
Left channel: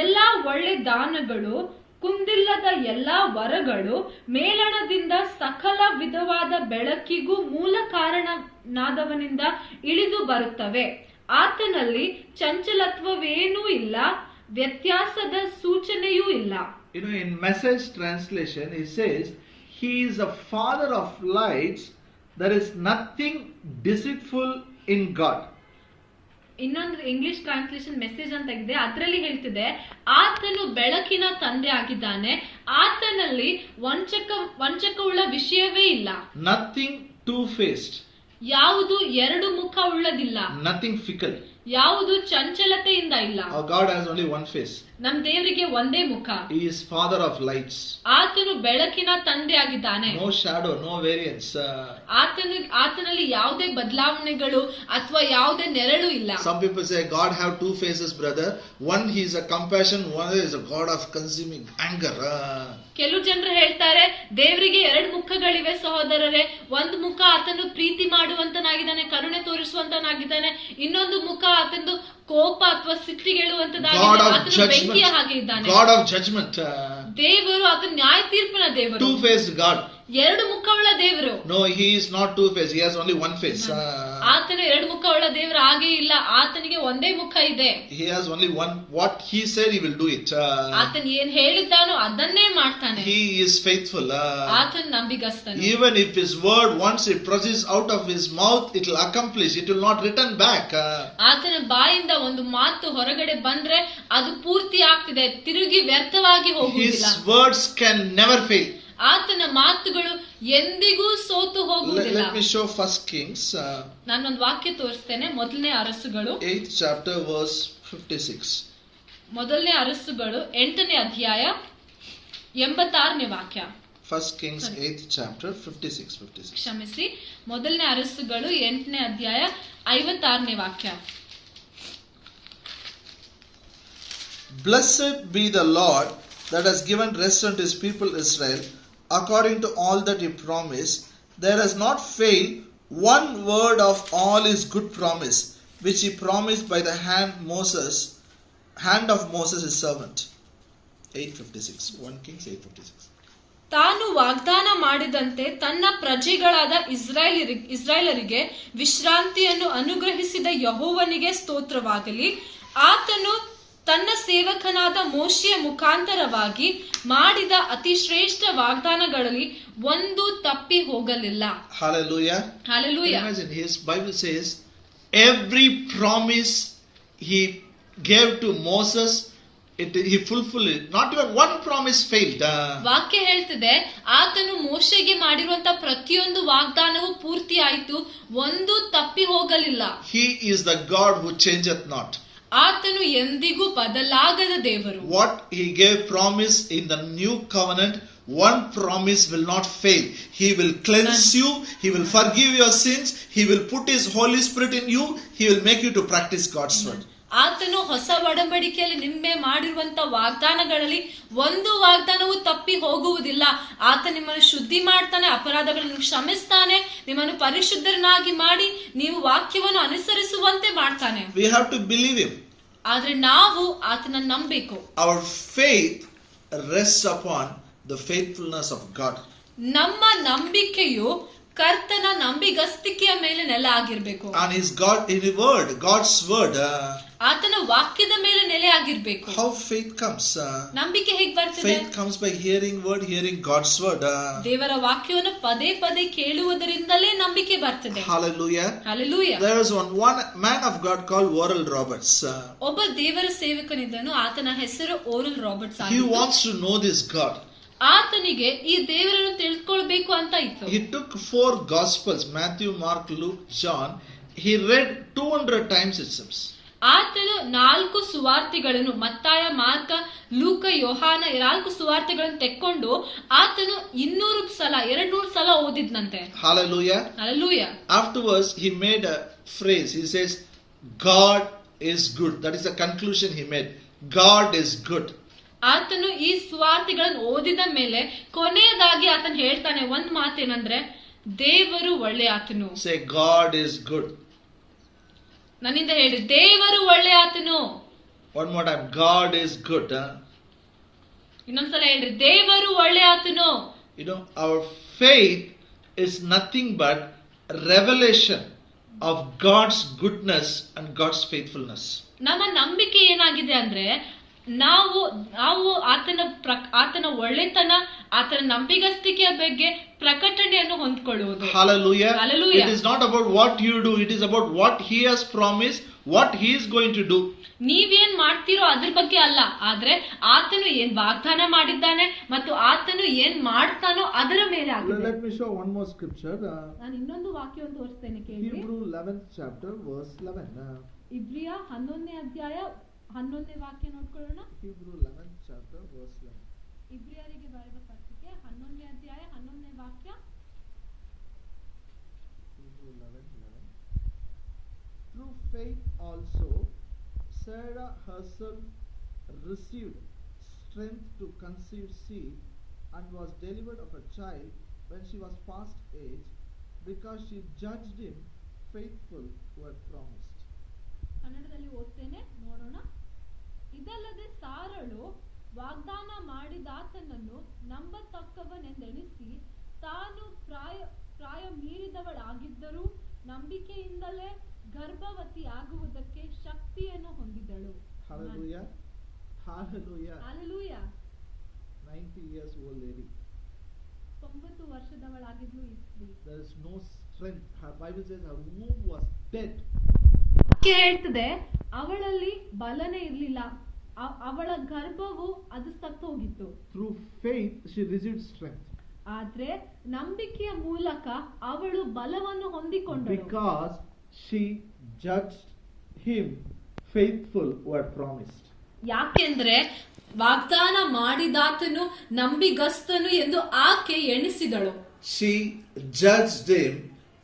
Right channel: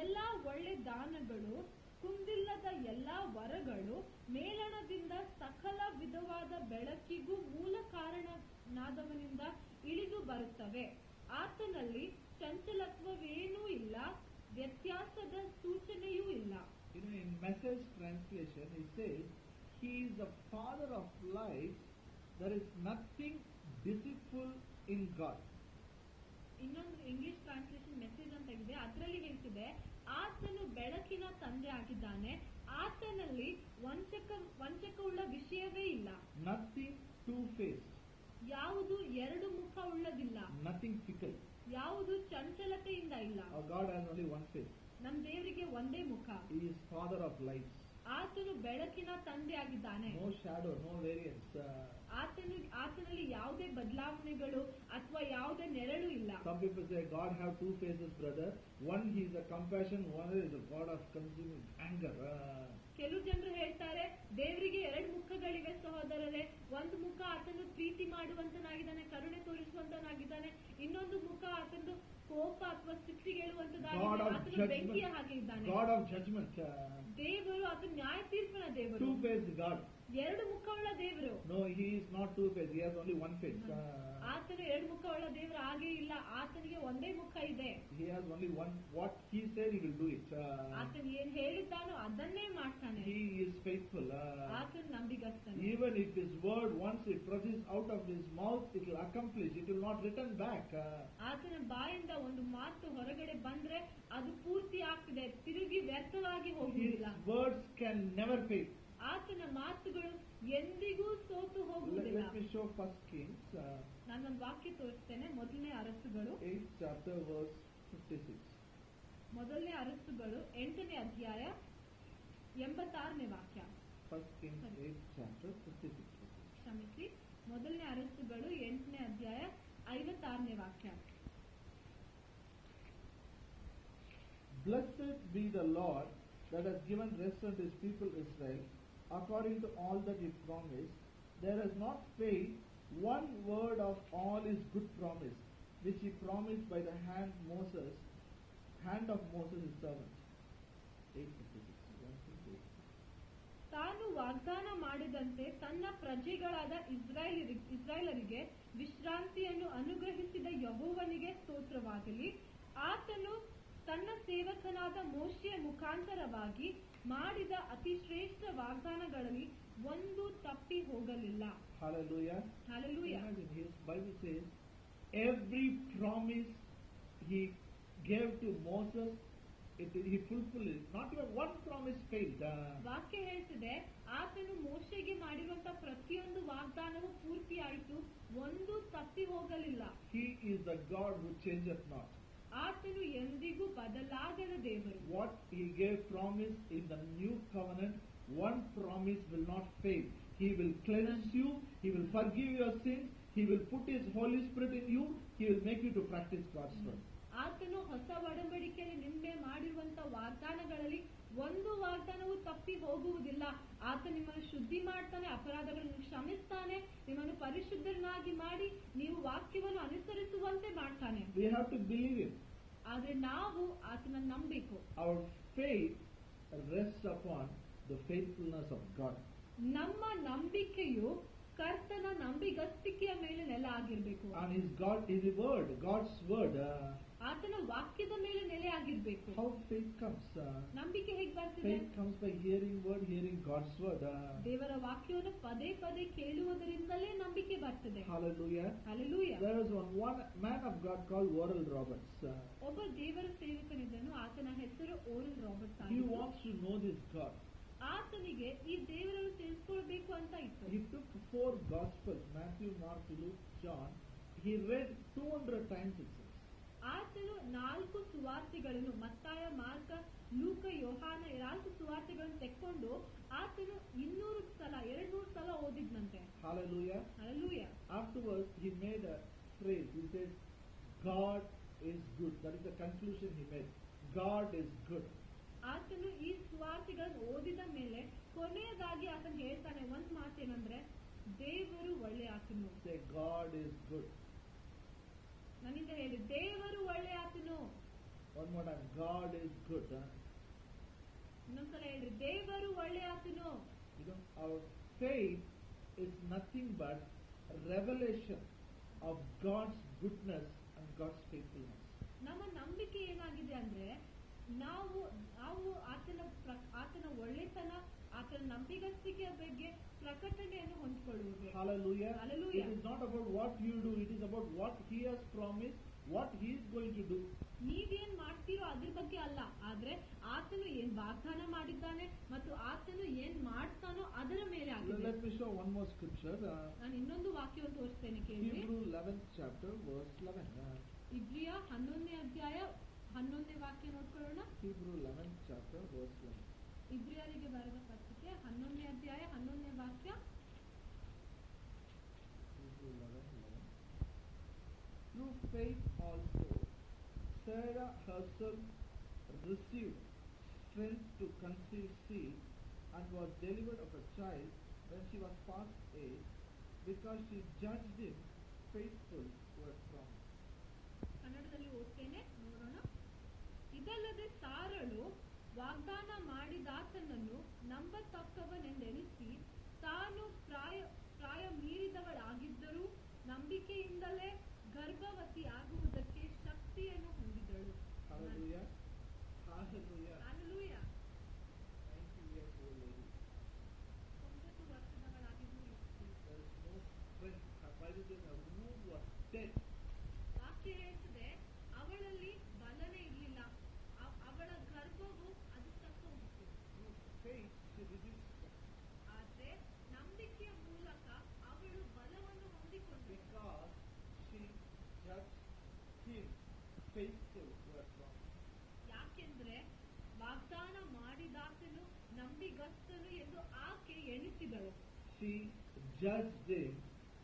ಎಲ್ಲಾ ಒಳ್ಳೆ ದಾನಗಳು, ಕುಂದಿಲ್ಲದ ಎಲ್ಲಾ ವರಗಳು ಮೇಲಣದಿಂದ ಸಕಲ ವಿಧವಾದ ಬೆಳಕಿಗೂ ಮೂಲ ಕಾರಣನಾದವನಿಂದ ಇಳಿದು ಬರುತ್ತವೆ. ಆತನಲ್ಲಿ ಚಂಚಲತ್ವವೇನೂ ಇಲ್ಲ, ವ್ಯತ್ಯಾಸದ ಸೂಚನೆಯೂ ಇಲ್ಲ. You know, in Message translation, he says, he is a father of lights, there is nothing deceitful in God. ಇನ್ನೊಂದು ಇಂಗ್ಲಿಷ್ ಟ್ರಾನ್ಸ್ಲೇಷನ್ ಮೆಸೇಜ್ ಅಂತ ಇದೆ, ಅದರಲ್ಲಿ ಹೇಳ್ತಿದೆ, ಆತನು ಬೆಳಕಿನ ತಂದೆ ಆಗಿದ್ದಾನೆ, ಆತನಲ್ಲಿ ವಂಚಕವುಳ್ಳ ವಿಷಯವೇ ಇಲ್ಲ. Nothing two-faced. ಯಾವುದು ಎರಡು ಮುಖ ಉಳ್ಳದಿಲ್ಲ. Nothing fickle. ಯಾವುದು ಚಂಚಲತೆಯಿಂದ ಇಲ್ಲ. Our God has only one face. ನಮ್ ದೇವರಿಗೆ ಒಂದೇ ಮುಖ. He is father of lights. ಆತನು ಬೆಳಕಿನ ತಂದೆ ಆಗಿದ್ದಾನೆ. No shadow, no variance. ಆತನಲ್ಲಿ ಯಾವುದೇ ಬದಲಾವಣೆಗಳು ಅಥವಾ ಯಾವುದೇ ನೆರಳು ಇಲ್ಲ. Some people say God have two faces, brother. One he is a compassion, one is a God of consuming anger. ಕೆಲವು ಜನರು ಹೇಳ್ತಾರೆ ದೇವರಿಗೆ ಎರಡು ಮುಖಗಳಿವೆ ಸಹೋದರರೇ. ಒಂದು ಮುಖ ಆತನು ಪ್ರೀತಿ ಮಾಡುವಂತನಾಗಿದ್ದಾನೆ, ಕರುಣೆ ತೋರಿಸುವಂತನಾಗಿದ್ದಾನೆ. ಇನ್ನೊಂದು ಮುಖ ಆತನು ಕೋಪ ಅಥವಾ ಸಿಟ್ಟಿಗೇಳುವಂತದಾಗಿದೆ, ಆತನು ಬೆಂಕಿಯ ಹಾಗೆ ಇದ್ದಾನೆ. God of judgment. ದೇವರು ಆತನು ನ್ಯಾಯ ತೀರ್ಪಿನ ದೇವರು. Two-faced God. ಎರಡು ಮುಖವುಳ್ಳ ದೇವರು. No, he is not two-faced. He has only one face. ಆತನು ಎರಡು ಮುಖವುಳ್ಳ ದೇವರು ಹಾಗೆ ಇಲ್ಲ, ಆತನಿಗೆ ಒಂದೇ ಮುಖ ಇದೆ. He has only one. What he said, he will do it. ಆತನು ಏನ್ ಹೇಳಿದ್ದಾನೋ ಅದನ್ನೇ ಮಾಡ್ತಾನೆ. He is faithful. ಆತನು ನಂಬಿಗಸ್ತನು. Even if his word, once it proceeds out of his mouth, it will accomplish. It will not return back. ಆತನ ಬಾಯಿಂದ ಒಂದು ಮಾತು ಹೊರಗಡೆ ಬಂದ್ರೆ ಅದು ಪೂರ್ತಿ ಆಗ್ತಿದೆ, ತಿರುಗಿ ವ್ಯರ್ಥವಾಗಿ ಹೋಗುವುದಿಲ್ಲ. His words can never fail. ಆತನ ಮಾತುಗಳು ಎಂದಿಗೂ ಸೋತು ಹೋಗುವುದಿಲ್ಲ. Let me show First Kings. ನಾನೊಂದು ವಾಕ್ಯ ತೋರಿಸ್ತೇನೆ. 1ನೇ ಅರಸುಗಳು 8th chapter verse 56. 1ನೇ ಅರಸುಗಳು 8ನೇ ಅಧ್ಯಾಯ 86ನೇ ವಾಕ್ಯ. First Kings 8th chapter 56. ಕ್ಷಮಿಸಿ, 1ನೇ ಅರಸುಗಳು 8ನೇ ಅಧ್ಯಾಯ 56ನೇ ವಾಕ್ಯ. Blessed be the Lord that has given rest unto his people Israel, according to all that he promised. There has not failed one word of all his good promise, which he promised by the hand of Moses his servant. 8:56. 1 Kings 8:56. ತಾನು ವಾಗ್ದಾನ ಮಾಡಿದಂತೆ ತನ್ನ ಪ್ರಜೆಗಳಾದ ಇಸ್ರಾಯೇಲರಿಗೆ ವಿಶ್ರಾಂತಿಯನ್ನು ಅನುಗ್ರಹಿಸಿದ ಯೆಹೋವನಿಗೆ ಸ್ತೋತ್ರವಾಗಲಿ. ಆತನು ತನ್ನ ಸೇವಕನಾದ ಮೋಶೆಯ ಮುಖಾಂತರವಾಗಿ ಮಾಡಿದ ಅತಿ ಶ್ರೇಷ್ಠ ವಾಗ್ದಾನಗಳಲ್ಲಿ ಒಂದು ತಪ್ಪಿ ಹೋಗಲಿಲ್ಲ. Hallelujah. Hallelujah. Imagine, his Bible says every promise he gave to Moses, he fulfilled it. Not even one promise failed. ವಾಕ್ಯ ಹೇಳ್ತಿದೆ, ಆತನು ಮೋಶೆಗೆ ಮಾಡಿರುವಂತ ಪ್ರತಿಯೊಂದು ವಾಗ್ದಾನವು ಪೂರ್ತಿ ಆಯಿತು, ಒಂದು ತಪ್ಪಿ ಹೋಗಲಿಲ್ಲ. He is the God who changeth not. ಆತನು ಎಂದಿಗೂ ಬದಲಾಗದ ದೇವರು. What he gave promise in the new covenant, one promise will not fail. He will cleanse you, he will forgive your sins, he will put his Holy Spirit in you, he will make you to practice God's word. ಆತನು ಹೊಸ ಒಡಂಬಡಿಕೆಯಲ್ಲಿ ನಿಮ್ಮೆ ಮಾಡಿರುವಂತ ವಾಗ್ದಾನಗಳಲ್ಲಿ ಒಂದು ವಾಗ್ದಾನವು ತಪ್ಪಿ ಹೋಗುವುದಿಲ್ಲ. ಆತ ನಿಮ್ಮನ್ನು ಶುದ್ಧಿ ಮಾಡ್ತಾನೆ, ಅಪರಾಧಗಳನ್ನು ಕ್ಷಮಿಸ್ತಾನೆ, ನಿಮ್ಮನ್ನು ಪರಿಶುದ್ಧರನ್ನಾಗಿ ಮಾಡಿ ನೀವು ವಾಕ್ಯವನ್ನು ಅನುಸರಿಸುವಂತೆ ಮಾಡ್ತಾನೆ. We have to believe him. ಆದ್ರೆ ನಾವು ಆತನ ನಂಬಬೇಕು. Our faith rests upon the faithfulness of God. ನಮ್ಮ ನಂಬಿಕೆಯು ಕರ್ತನ ನಂಬಿಗಸ್ತಿಕೆಯ ಮೇಲೆ ನೆಲೆ ಆಗಿರ್ಬೇಕು. And his God in the word, God's word. ಆತನ ವಾಕ್ಯದ ಮೇಲೆ ನೆಲೆ ಆಗಿರ್ಬೇಕು. How faith comes? ನಂಬಿಕೆ ಹೇಗೆ ಬರ್ತದೆ? Faith comes by hearing word, hearing God's word. ದೇವರ ವಾಕ್ಯವನ್ನು ಪದೇ ಪದೇ ಕೇಳುವುದರಿಂದಲೇ ನಂಬಿಕೆ ಬರ್ತದೆ. Hallelujah. Hallelujah. There was one man of God called Oral Roberts. ಒಬ್ಬ ದೇವರ ಸೇವಕನಿದ್ದನು, ಆತನ ಹೆಸರು oral Roberts. He wants to know this God. ಆತನಿಗೆ ಈ ದೇವರನ್ನು ತಿಳ್ಕೊಳ್ಬೇಕು ಅಂತ ಇತ್ತು. He took 4 gospels, Matthew, Mark, Luke, John. He read 200 times it seems. ಆತನು 4 ಸುವಾರ್ತೆಗಳನ್ನು, ಮತ್ತಾಯ, ಮಾರ್ಕ, ಲೂಕ, ಯೋಹಾನ 4 ಸುವಾರ್ತೆಗಳನ್ನು ತೆಕ್ಕೊಂಡು ಆತನು 200 ಸಲ ಓದಿದ್ನಂತೆ. Hallelujah. Hallelujah. Afterwards he made a phrase. He says, God is good. That is the conclusion he made. God is good. ಆತನು ಈ ಸುವಾರ್ತೆಗಳನ್ನು ಓದಿದ ಮೇಲೆ ಕೊನೆಯದಾಗಿ ಆತನು ಹೇಳ್ತಾನೆ ಒಂದ್ ಮಾತೇನಂದ್ರೆ, ದೇವರು ಒಳ್ಳೆ ಆತನು. Say, God is good. ನನ್ನಿಂದ ಹೇಳಿ, ದೇವರು ಒಳ್ಳೆ ಆತನು. One more time, God is good. ಇನ್ನೊಂದ್ಸಲ ಹೇಳ್ರಿ, ದೇವರು ಒಳ್ಳೆ ಆತನು. You know, our faith is nothing but revelation of God's goodness and God's faithfulness. ನಮ್ಮ ನಂಬಿಕೆ ಏನಾಗಿದೆ ಅಂದ್ರೆ, ನಾವು ಆತನ ಒಳ್ಳೆತನ, ಆತನ ನಂಬಿಗಸ್ತಿಕೆಯ ಬಗ್ಗೆ ಪ್ರಕಟಣೆಯನ್ನು ಹೊಂದ್ಕೊಳ್ಳುವುದು. Hallelujah. Hallelujah. It is not about what you do, it is about what he has promised, what he is going to do. ನೀವೇನ್ ಮಾಡ್ತೀರೋ ಅದ್ರ ಬಗ್ಗೆ ಅಲ್ಲ, ಆದ್ರೆ ಆತನು ಏನ್ ವಾಗ್ದಾನ ಮಾಡಿದ್ದಾನೆ ಮತ್ತು ಆತನು ಏನ್ ಮಾಡ್ತಾನೋ ಅದರ ಮೇಲೆ ಆಗಿದೆ. Let me show one more scripture. ನಾನು ಇನ್ನೊಂದು ವಾಕ್ಯವನ್ನು ತೋರಿಸ್ತೇನೆ, ಕೇಳಿ. Hebrew 11th chapter verse 11. ಇಬ್ರಿಯ 11ನೇ ಅಧ್ಯಾಯ 11ನೇ ವಾಕ್ಯ ನೋಡ್ಕೊಳ್ಳೋಣ. Hebrew 11th chapter verse 11. ಇಬ್ರಿಯರಿಗೆ ಬರೆದ ಪತ್ರಿಕೆ 11ನೇ ಅಧ್ಯಾಯ 11ನೇ ವಾಕ್ಯ. Hebrew 11:11. Through faith also Sarah herself received strength to conceive seed and was delivered of a child when she was past age, because she judged him faithful who had promised. ಕನ್ನಡದಲ್ಲಿ ಓದ್ತೇನೆ, ನೋಡೋಣ. ಇದಲ್ಲದೆ ಸಾರಳು ವಾಗ್ದಾನ ಮಾಡಿದಾತನನ್ನು ನಂಬತಕ್ಕವನೆಂದೆಣಿಸಿ ತಾನು ಪ್ರಾಯ ಮೀರಿದವಳಾಗಿದ್ದರೂ ನಂಬಿಕೆಯಿಂದಲೇ ಗರ್ಭವತಿಯಾಗುವುದಕ್ಕೆ ಶಕ್ತಿಯನ್ನು ಹೊಂದಿದಳು. Hallelujah. Hallelujah. Hallelujah. 90 years old lady. 90 ವರ್ಷದವಳಾಗಿದ್ಲು ಈ ಸ್ತ್ರೀ. There is no strength. Her Bible says her womb was dead. ವಾಕ್ಯ ಹೇಳ್ತದೆ, ಅವಳಲ್ಲಿ ಬಲನೇ ಇರಲಿಲ್ಲ, ಅವಳ ಗರ್ಭವು ಅದು ಸತ್ತೋಗಿತ್ತು. Through faith she received strength. ಆದ್ರೆ ನಂಬಿಕೆಯ ಮೂಲಕ ಅವಳು ಬಲವನ್ನು ಹೊಂದಿಕೊಂಡಳು. Because she judged him faithful who had promised. ಯಾಕೆಂದ್ರೆ ವಾಗ್ದಾನ ಮಾಡಿದಾತನು ನಂಬಿಗಸ್ತನು ಎಂದು ಆಕೆ ಎಣಿಸಿದಳು. She judged him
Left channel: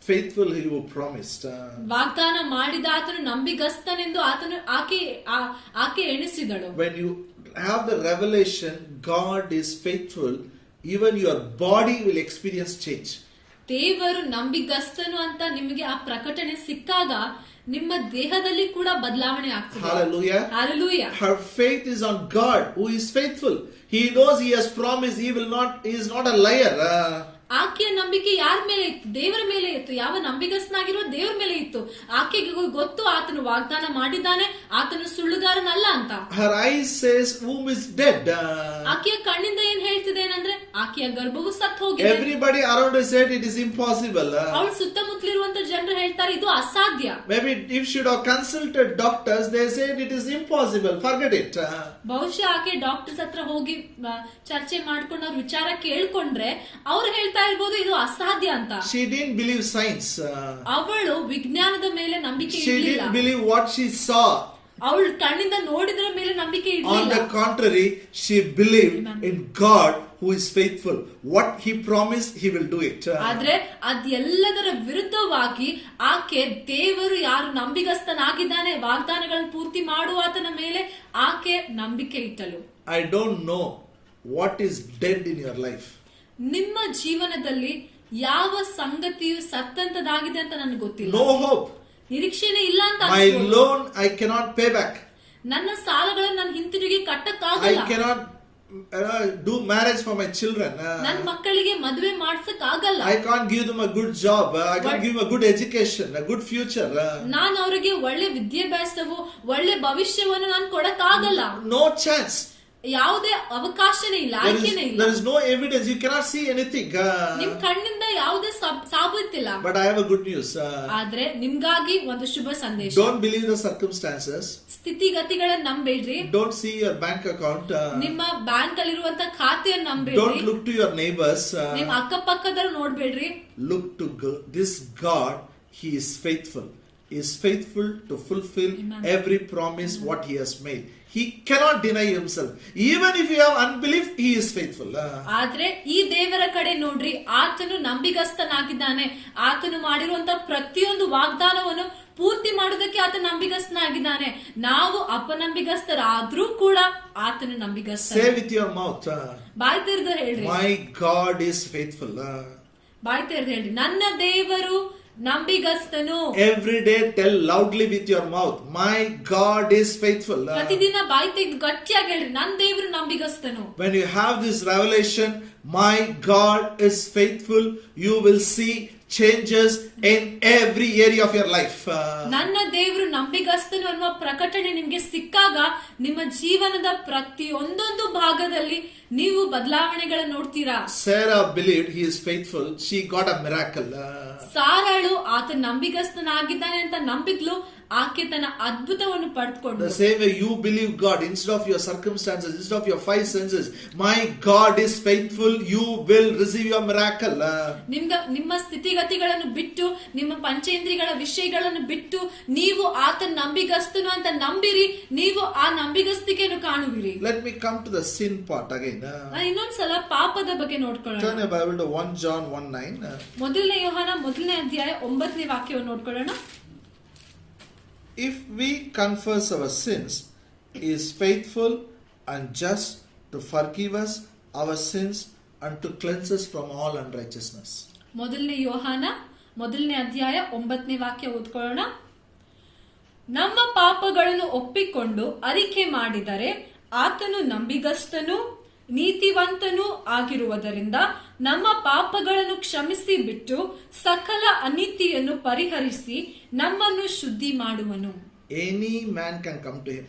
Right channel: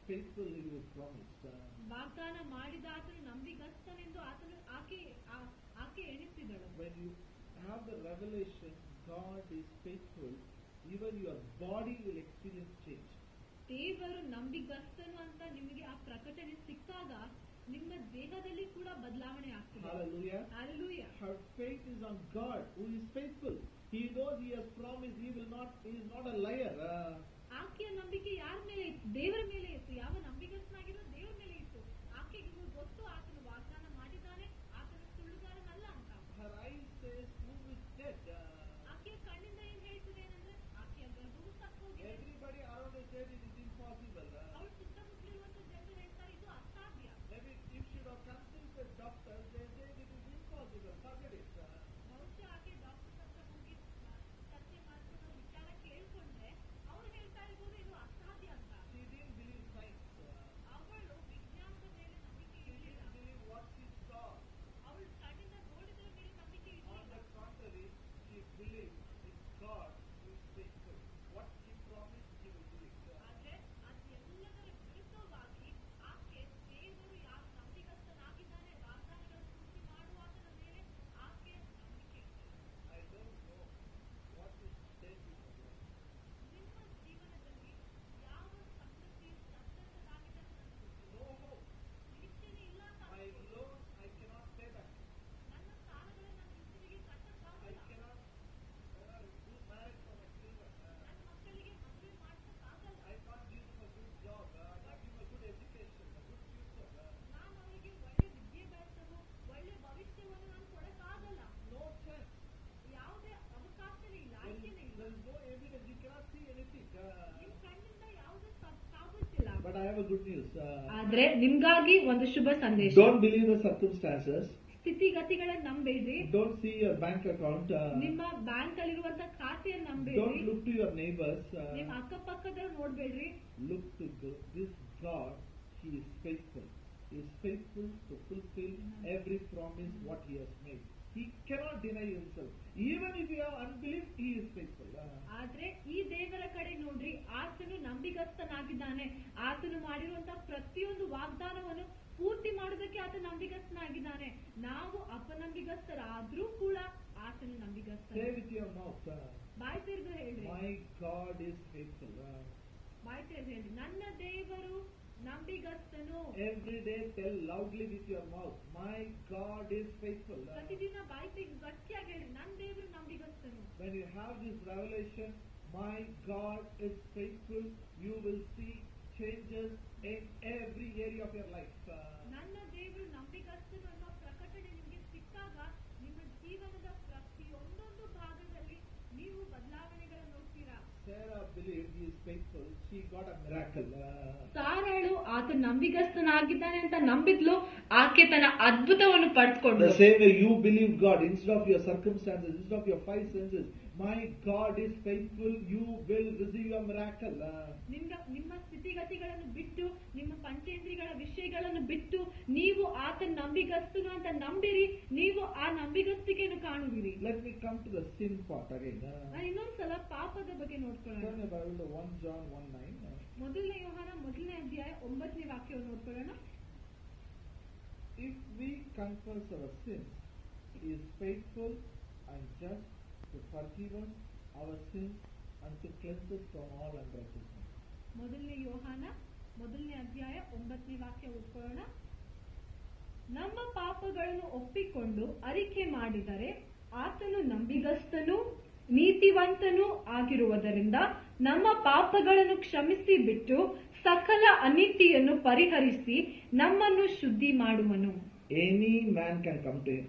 faithful who promised. ವಾಗ್ದಾನ ಮಾಡಿದಾತನು ನಂಬಿಗಸ್ತನೆಂದು ಆಕೆ ಎಣಿಸಿದಳು. When you have the revelation God is faithful, even your body will experience change. ದೇವರು ನಂಬಿಗಸ್ತನು ಅಂತ ನಿಮಗೆ ಆ ಪ್ರಕಟಣೆ ಸಿಕ್ಕಾಗ ನಿಮ್ಮ ದೇಹದಲ್ಲಿ ಕೂಡ ಬದಲಾವಣೆ ಆಗ್ತದೆ. Hallelujah. Hallelujah. Her faith is on God who is faithful. He knows he has promised, he is not a liar. ಆಕೆಯ ನಂಬಿಕೆ ಯಾರ ಮೇಲೆ ಇತ್ತು? ದೇವರ ಮೇಲೆ ಇತ್ತು. ಯಾವ ನಂಬಿಗಸ್ತನಾಗಿರುವ ದೇವರ ಮೇಲೆ ಇತ್ತು. ಆಕೆಗೆ ಗೊತ್ತು ಆತನು ವಾಗ್ದಾನ ಮಾಡಿದ್ದಾನೆ, ಆತನು ಸುಳ್ಳುಗಾರನಲ್ಲ ಅಂತ. Her eyes says womb is dead. ಆಕೆಯ ಕಣ್ಣಿಂದ ಏನ್ ಹೇಳ್ತಿದೆ ಏನಂದ್ರೆ ಆಕೆಯ ಗರ್ಭವು ಸತ್ತು ಹೋಗಿದೆ. Everybody around her said it is impossible. ಅವಳು ಸುತ್ತಮುತ್ತಲಿರುವಂತ ಜನರು ಹೇಳ್ತಾರೆ ಇದು ಅಸಾಧ್ಯ. Maybe if she should have consulted doctors, they said it is impossible, forget it. ಬಹುಶಃ ಆಕೆ ಡಾಕ್ಟರ್ಸ್ ಹತ್ರ ಹೋಗಿ ಚರ್ಚೆ ಮಾಡ್ಕೊಂಡು ಅವ್ರ ವಿಚಾರ ಕೇಳ್ಕೊಂಡ್ರೆ ಅವ್ರು ಹೇಳ್ತಾ ಇರ್ಬೋದು ಇದು ಅಸಾಧ್ಯ ಅಂತ. She didn't believe science. ಅವಳು ವಿಜ್ಞಾನದ ಮೇಲೆ ನಂಬಿಕೆ She ಇರಲಿಲ್ಲ. didn't believe what she saw. ಅವಳು ಕಣ್ಣಿಂದ ನೋಡಿದ್ರ ಮೇಲೆ ನಂಬಿಕೆ ಇರಲಿಲ್ಲ. On the contrary, she believed in God who is faithful. What he promised, he will do it. ಆದ್ರೆ ಅದೆಲ್ಲದರ ವಿರುದ್ಧವಾಗಿ ಆಕೆ ದೇವರು ಯಾರು ನಂಬಿಗಸ್ತನಾಗಿದ್ದಾನೆ ವಾಗ್ದಾನಗಳನ್ನು ಪೂರ್ತಿ ಮಾಡುವಾತನ ಮೇಲೆ ಆಕೆ ನಂಬಿಕೆ ಇಟ್ಟಳು. I don't know what is dead in your life. ನಿಮ್ಮ ಜೀವನದಲ್ಲಿ ಯಾವ ಸಂಗತಿಯು ಸತ್ತಂತದಾಗಿದೆ ಅಂತ ನನಗೆ ಗೊತ್ತಿಲ್ಲ. No hope. ನಿರೀಕ್ಷೆನೇ ಇಲ್ಲ ಅಂತ My ಅನ್ಸ್ಬೋದು. loan I cannot pay back. ನನ್ನ ಸಾಲಗಳನ್ನು ನಾನು ಹಿಂತಿರುಗಿ I ಕಟ್ಟಕ್ಕಾಗಲ್ಲ. cannot do marriage for my children. ನನ್ನ ಮಕ್ಕಳಿಗೆ ಮದುವೆ ಮಾಡ್ಸಕ್ ಆಗಲ್ಲ. I can't give them a good job. I can't give them a good education, a good future. ನಾನು ಅವರಿಗೆ ಒಳ್ಳೆ ವಿದ್ಯಾಭ್ಯಾಸವು ಒಳ್ಳೆ ಭವಿಷ್ಯವನ್ನು ನಾನು ಕೊಡಕ್ಕಾಗಲ್ಲ. No chance. ಯಾವುದೇ ಅವಕಾಶನೇ ಇಲ್ಲ, ಆಯ್ಕೆನೇ ಇಲ್ಲ. There is no evidence. You cannot see anything. ನಿಮ್ ಕಣ್ಣಿಂದ ಯಾವುದೇ ಸಾಬೂತಿಲ್ಲ. But I have a good news. ಆದ್ರೆ ನಿಮ್ಗಾಗಿ ಒಂದು ಶುಭ ಸಂದೇಶ. Don't believe the circumstances. ಸ್ಥಿತಿಗತಿಗಳನ್ನ ನಂಬೇಡ್ರಿ. Don't see your bank account. ನಿಮ್ಮ ಬ್ಯಾಂಕ್ ಅಲ್ಲಿರುವಂತ ಖಾತೆಯನ್ನು ನಂಬೇಡ್ರಿ. Don't look to your neighbors. ನಿಮ್ ಅಕ್ಕಪಕ್ಕದವ್ರು ನೋಡ್ಬೇಡ್ರಿ. Look to this God. He is faithful. He is faithful to fulfill every promise what he has made. He cannot deny himself. Even if you have unbelief, he is faithful. ಆದ್ರೆ ಈ ದೇವರ ಕಡೆ ನೋಡ್ರಿ, ಆತನು ನಂಬಿಗಸ್ತನಾಗಿದ್ದಾನೆ. ಆತನು ಮಾಡಿರುವಂತ ಪ್ರತಿಯೊಂದು ವಾಗ್ದಾನವನ್ನು ಪೂರ್ತಿ ಮಾಡೋದಕ್ಕೆ ಆತ ನಂಬಿಗಸ್ತನಾಗಿದ್ದಾನೆ. ನಾವು ಅಪನಂಬಿಗಸ್ತರಾದ್ರೂ ಕೂಡ ಆತನು ನಂಬಿಗಸ್ತ. Say with your mouth. ಬಾಯಿ ತೆರೆದು ಹೇಳ್ರಿ. My God is faithful. ಬಾಯಿ ತೆರೆದು ಹೇಳ್ರಿ, ನನ್ನ ದೇವರು ನಂಬಿಗಸ್ತನು. Every day tell loudly with your mouth, my God is faithful. ಪ್ರತಿದಿನ ಬಾಯಿ ತೆಗೆದು ಗಟ್ಟಿಯಾಗಿ ಹೇಳ್ರಿ, ನನ್ನ ದೇವರು ನಂಬಿಗಸ್ತನು. When you have this revelation, my God is faithful, you will see changes in every area of your life. ನನ್ನ ದೇವರು ನಂಬಿಗಸ್ತನು ಅನ್ನುವ ಪ್ರಕಟಣೆ ನಿಮ್ಗೆ ಸಿಕ್ಕಾಗ ನಿಮ್ಮ ಜೀವನದ ಪ್ರತಿಯೊಂದೊಂದು ಭಾಗದಲ್ಲಿ ನೀವು ಬದಲಾವಣೆಗಳನ್ನು ನೋಡ್ತೀರಾ. Sarah believed he is faithful. She got a miracle. ಸಾರಾಳು ಆತ ನಂಬಿಗಸ್ತನಾಗಿದ್ದಾನೆ ಅಂತ ನಂಬಿದ್ಲು, ಆಕೆ ತನ್ನ ಅದ್ಭುತವನ್ನು ಪಡೆದುಕೊಂಡು. The same way you believe God instead of your circumstances, instead of your five senses, my God is faithful, you will receive your miracle. ನಿಮ್ಮ ಸ್ಥಿತಿಗತಿಗಳನ್ನು ಬಿಟ್ಟು, ನಿಮ್ಮ ಪಂಚೇಂದ್ರಿಯಗಳ ವಿಷಯಗಳನ್ನು ಬಿಟ್ಟು ನೀವು ಆತ ನಂಬಿಗಸ್ತನು ಅಂತ ನಂಬಿರಿ, ನೀವು ಆ ನಂಬಿಗಸ್ತಿಕೆಯನ್ನು ಕಾಣುವಿರಿ. Let me come to the sin part again. ಇನ್ನೊಂದ್ಸಲ ಪಾಪದ ಬಗ್ಗೆ ನೋಡ್ಕೊಳ್ಳೋಣ. Turn your Bible to 1 John 1:9. ಮೊದಲನೇ ಯೋಹಾನ 1ನೇ ಅಧ್ಯಾಯ 9ನೇ ವಾಕ್ಯವನ್ನು ನೋಡ್ಕೊಳ್ಳೋಣ. If we confess our sins, he is faithful and just to forgive us our sins and to cleanse us from all unrighteousness. ಮೊದಲನೇ ಯೋಹಾನ 1ನೇ ಅಧ್ಯಾಯ 9ನೇ ವಾಕ್ಯ ಓದ್ಕೊಳ್ಳೋಣ. ನಮ್ಮ ಪಾಪಗಳನ್ನು ಒಪ್ಪಿಕೊಂಡು ಅರಿಕೆ ಮಾಡಿದರೆ ಆತನು ನಂಬಿಗಸ್ತನು ನೀತಿವಂತನೂ ಆಗಿರುವುದರಿಂದ ನಮ್ಮ ಪಾಪಗಳನ್ನು ಕ್ಷಮಿಸಿ ಬಿಟ್ಟು ಸಕಲ ಅನೀತಿಯನ್ನು ಪರಿಹರಿಸಿ ನಮ್ಮನ್ನು ಶುದ್ಧಿ ಮಾಡುವನು. Any man can come to him.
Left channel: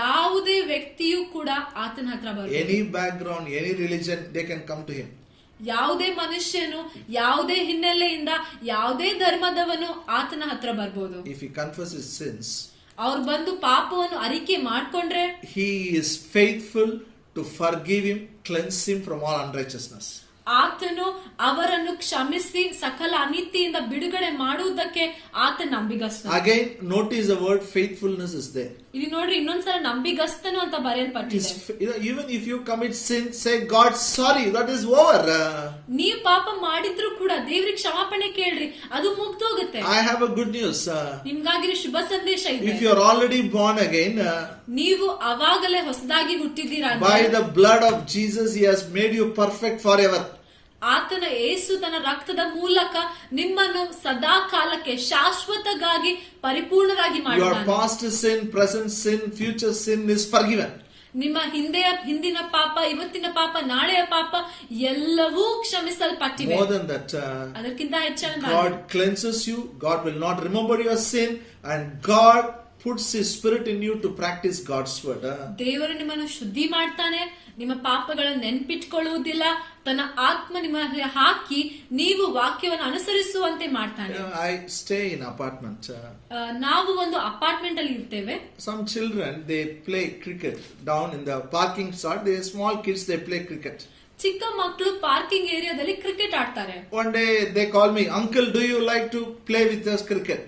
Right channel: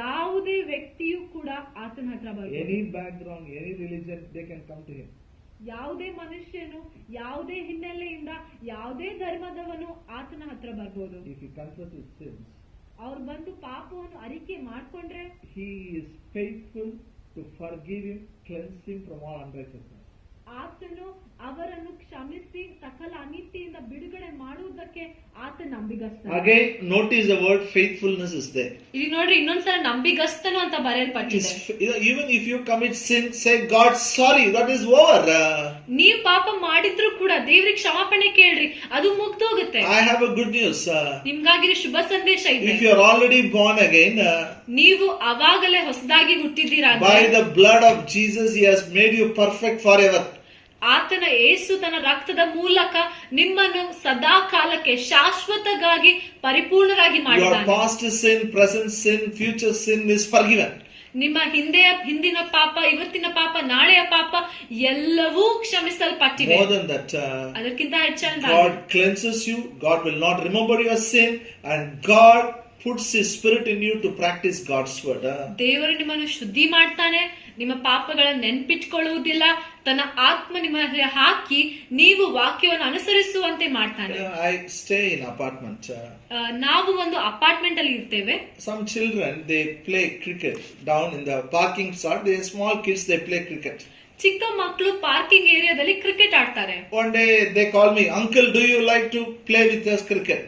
ಯಾವುದೇ ವ್ಯಕ್ತಿಯೂ ಕೂಡ ಆತನ ಹತ್ರ ಬರಬಹುದು. Any background, any religion, they can come to him. ಯಾವುದೇ ಮನುಷ್ಯನು ಯಾವುದೇ ಹಿನ್ನೆಲೆಯಿಂದ ಯಾವುದೇ ಧರ್ಮದವನು ಆತನ ಹತ್ರ ಬರ್ಬೋದು. If he confesses his sins, ಅವ್ರು ಬಂದು ಪಾಪವನ್ನು ಅರಿಕೆ ಮಾಡ್ಕೊಂಡ್ರೆ he is faithful to forgive him, cleanse him from all unrighteousness. ಆತನು ಅವರನ್ನು ಕ್ಷಮಿಸಿ ಸಕಲ ಅನೀತಿಯಿಂದ ಬಿಡುಗಡೆ ಮಾಡುವುದಕ್ಕೆ ಆತ ನಂಬಿಗಸ್ತನು. Again, notice the word faithfulness is there. ಇಲ್ಲಿ ನೋಡ್ರಿ, ಇನ್ನೊಂದ್ಸಲ ನಂಬಿಗಸ್ತನು ಅಂತ ಬರೆಯಲ್ಪಟ್ಟಿದೆ. Even if you commit sin, say God sorry, that is over. ನೀವು ಪಾಪ ಮಾಡಿದ್ರು ಕೂಡ ದೇವರಿಗೆ ಕ್ಷಮಾಪಣೆ ಕೇಳ್ರಿ, ಅದು ಮುಗ್ದೋಗುತ್ತೆ. I have a good news. ನಿಮ್ಗಾಗಿ ಶುಭ ಸಂದೇಶ ಇದೆ. If you are already born again, ನೀವು ಅವಾಗಲೇ ಹೊಸದಾಗಿ ಹುಟ್ಟಿದ್ದೀರಾ. by the blood of Jesus, he has made you perfect forever. ಆತನ ಯೇಸು ತನ್ನ ರಕ್ತದ ಮೂಲಕ ನಿಮ್ಮನ್ನು ಸದಾ ಕಾಲಕ್ಕೆ ಶಾಶ್ವತವಾಗಿ ಪರಿಪೂರ್ಣರಾಗಿ Your ಮಾಡಿದ್ದಾನೆ. past sin, present sin, future sin is forgiven. ನಿಮ್ಮ ಹಿಂದಿನ ಪಾಪ, ಇವತ್ತಿನ ಪಾಪ, ನಾಳೆಯ ಪಾಪ ಎಲ್ಲವೂ ಕ್ಷಮಿಸಲ್ಪಟ್ಟಿವೆ. More than that, ಅದಕ್ಕಿಂತ ಹೆಚ್ಚಾಗಿ God cleanses you. God will not remember your sin, and God puts his spirit in you to practice God's word. ದೇವರು ನಿಮ್ಮನ್ನು ಶುದ್ಧಿ ಮಾಡ್ತಾನೆ, ನಿಮ್ಮ ಪಾಪಗಳನ್ನು ನೆನ್ಪಿಟ್ಕೊಳ್ಳುವುದಿಲ್ಲ, ತನ್ನ ಆತ್ಮ ನಿಮ್ಮ ಹಾಕಿ ನೀವು ವಾಕ್ಯವನ್ನು ಅನುಸರಿಸುವಂತೆ ಮಾಡ್ತಾನೆ. I stay in apartment. ನಾವು ಒಂದು ಅಪಾರ್ಟ್ಮೆಂಟ್ ಅಲ್ಲಿ ಇರ್ತೇವೆ. Some children, they play cricket down in the parking lot. They are small kids, they play cricket. ಚಿಕ್ಕ ಮಕ್ಕಳು ಪಾರ್ಕಿಂಗ್ ಏರಿಯಾದಲ್ಲಿ ಕ್ರಿಕೆಟ್ ಆಡ್ತಾರೆ. One day they call me, uncle, do you like to play with us cricket?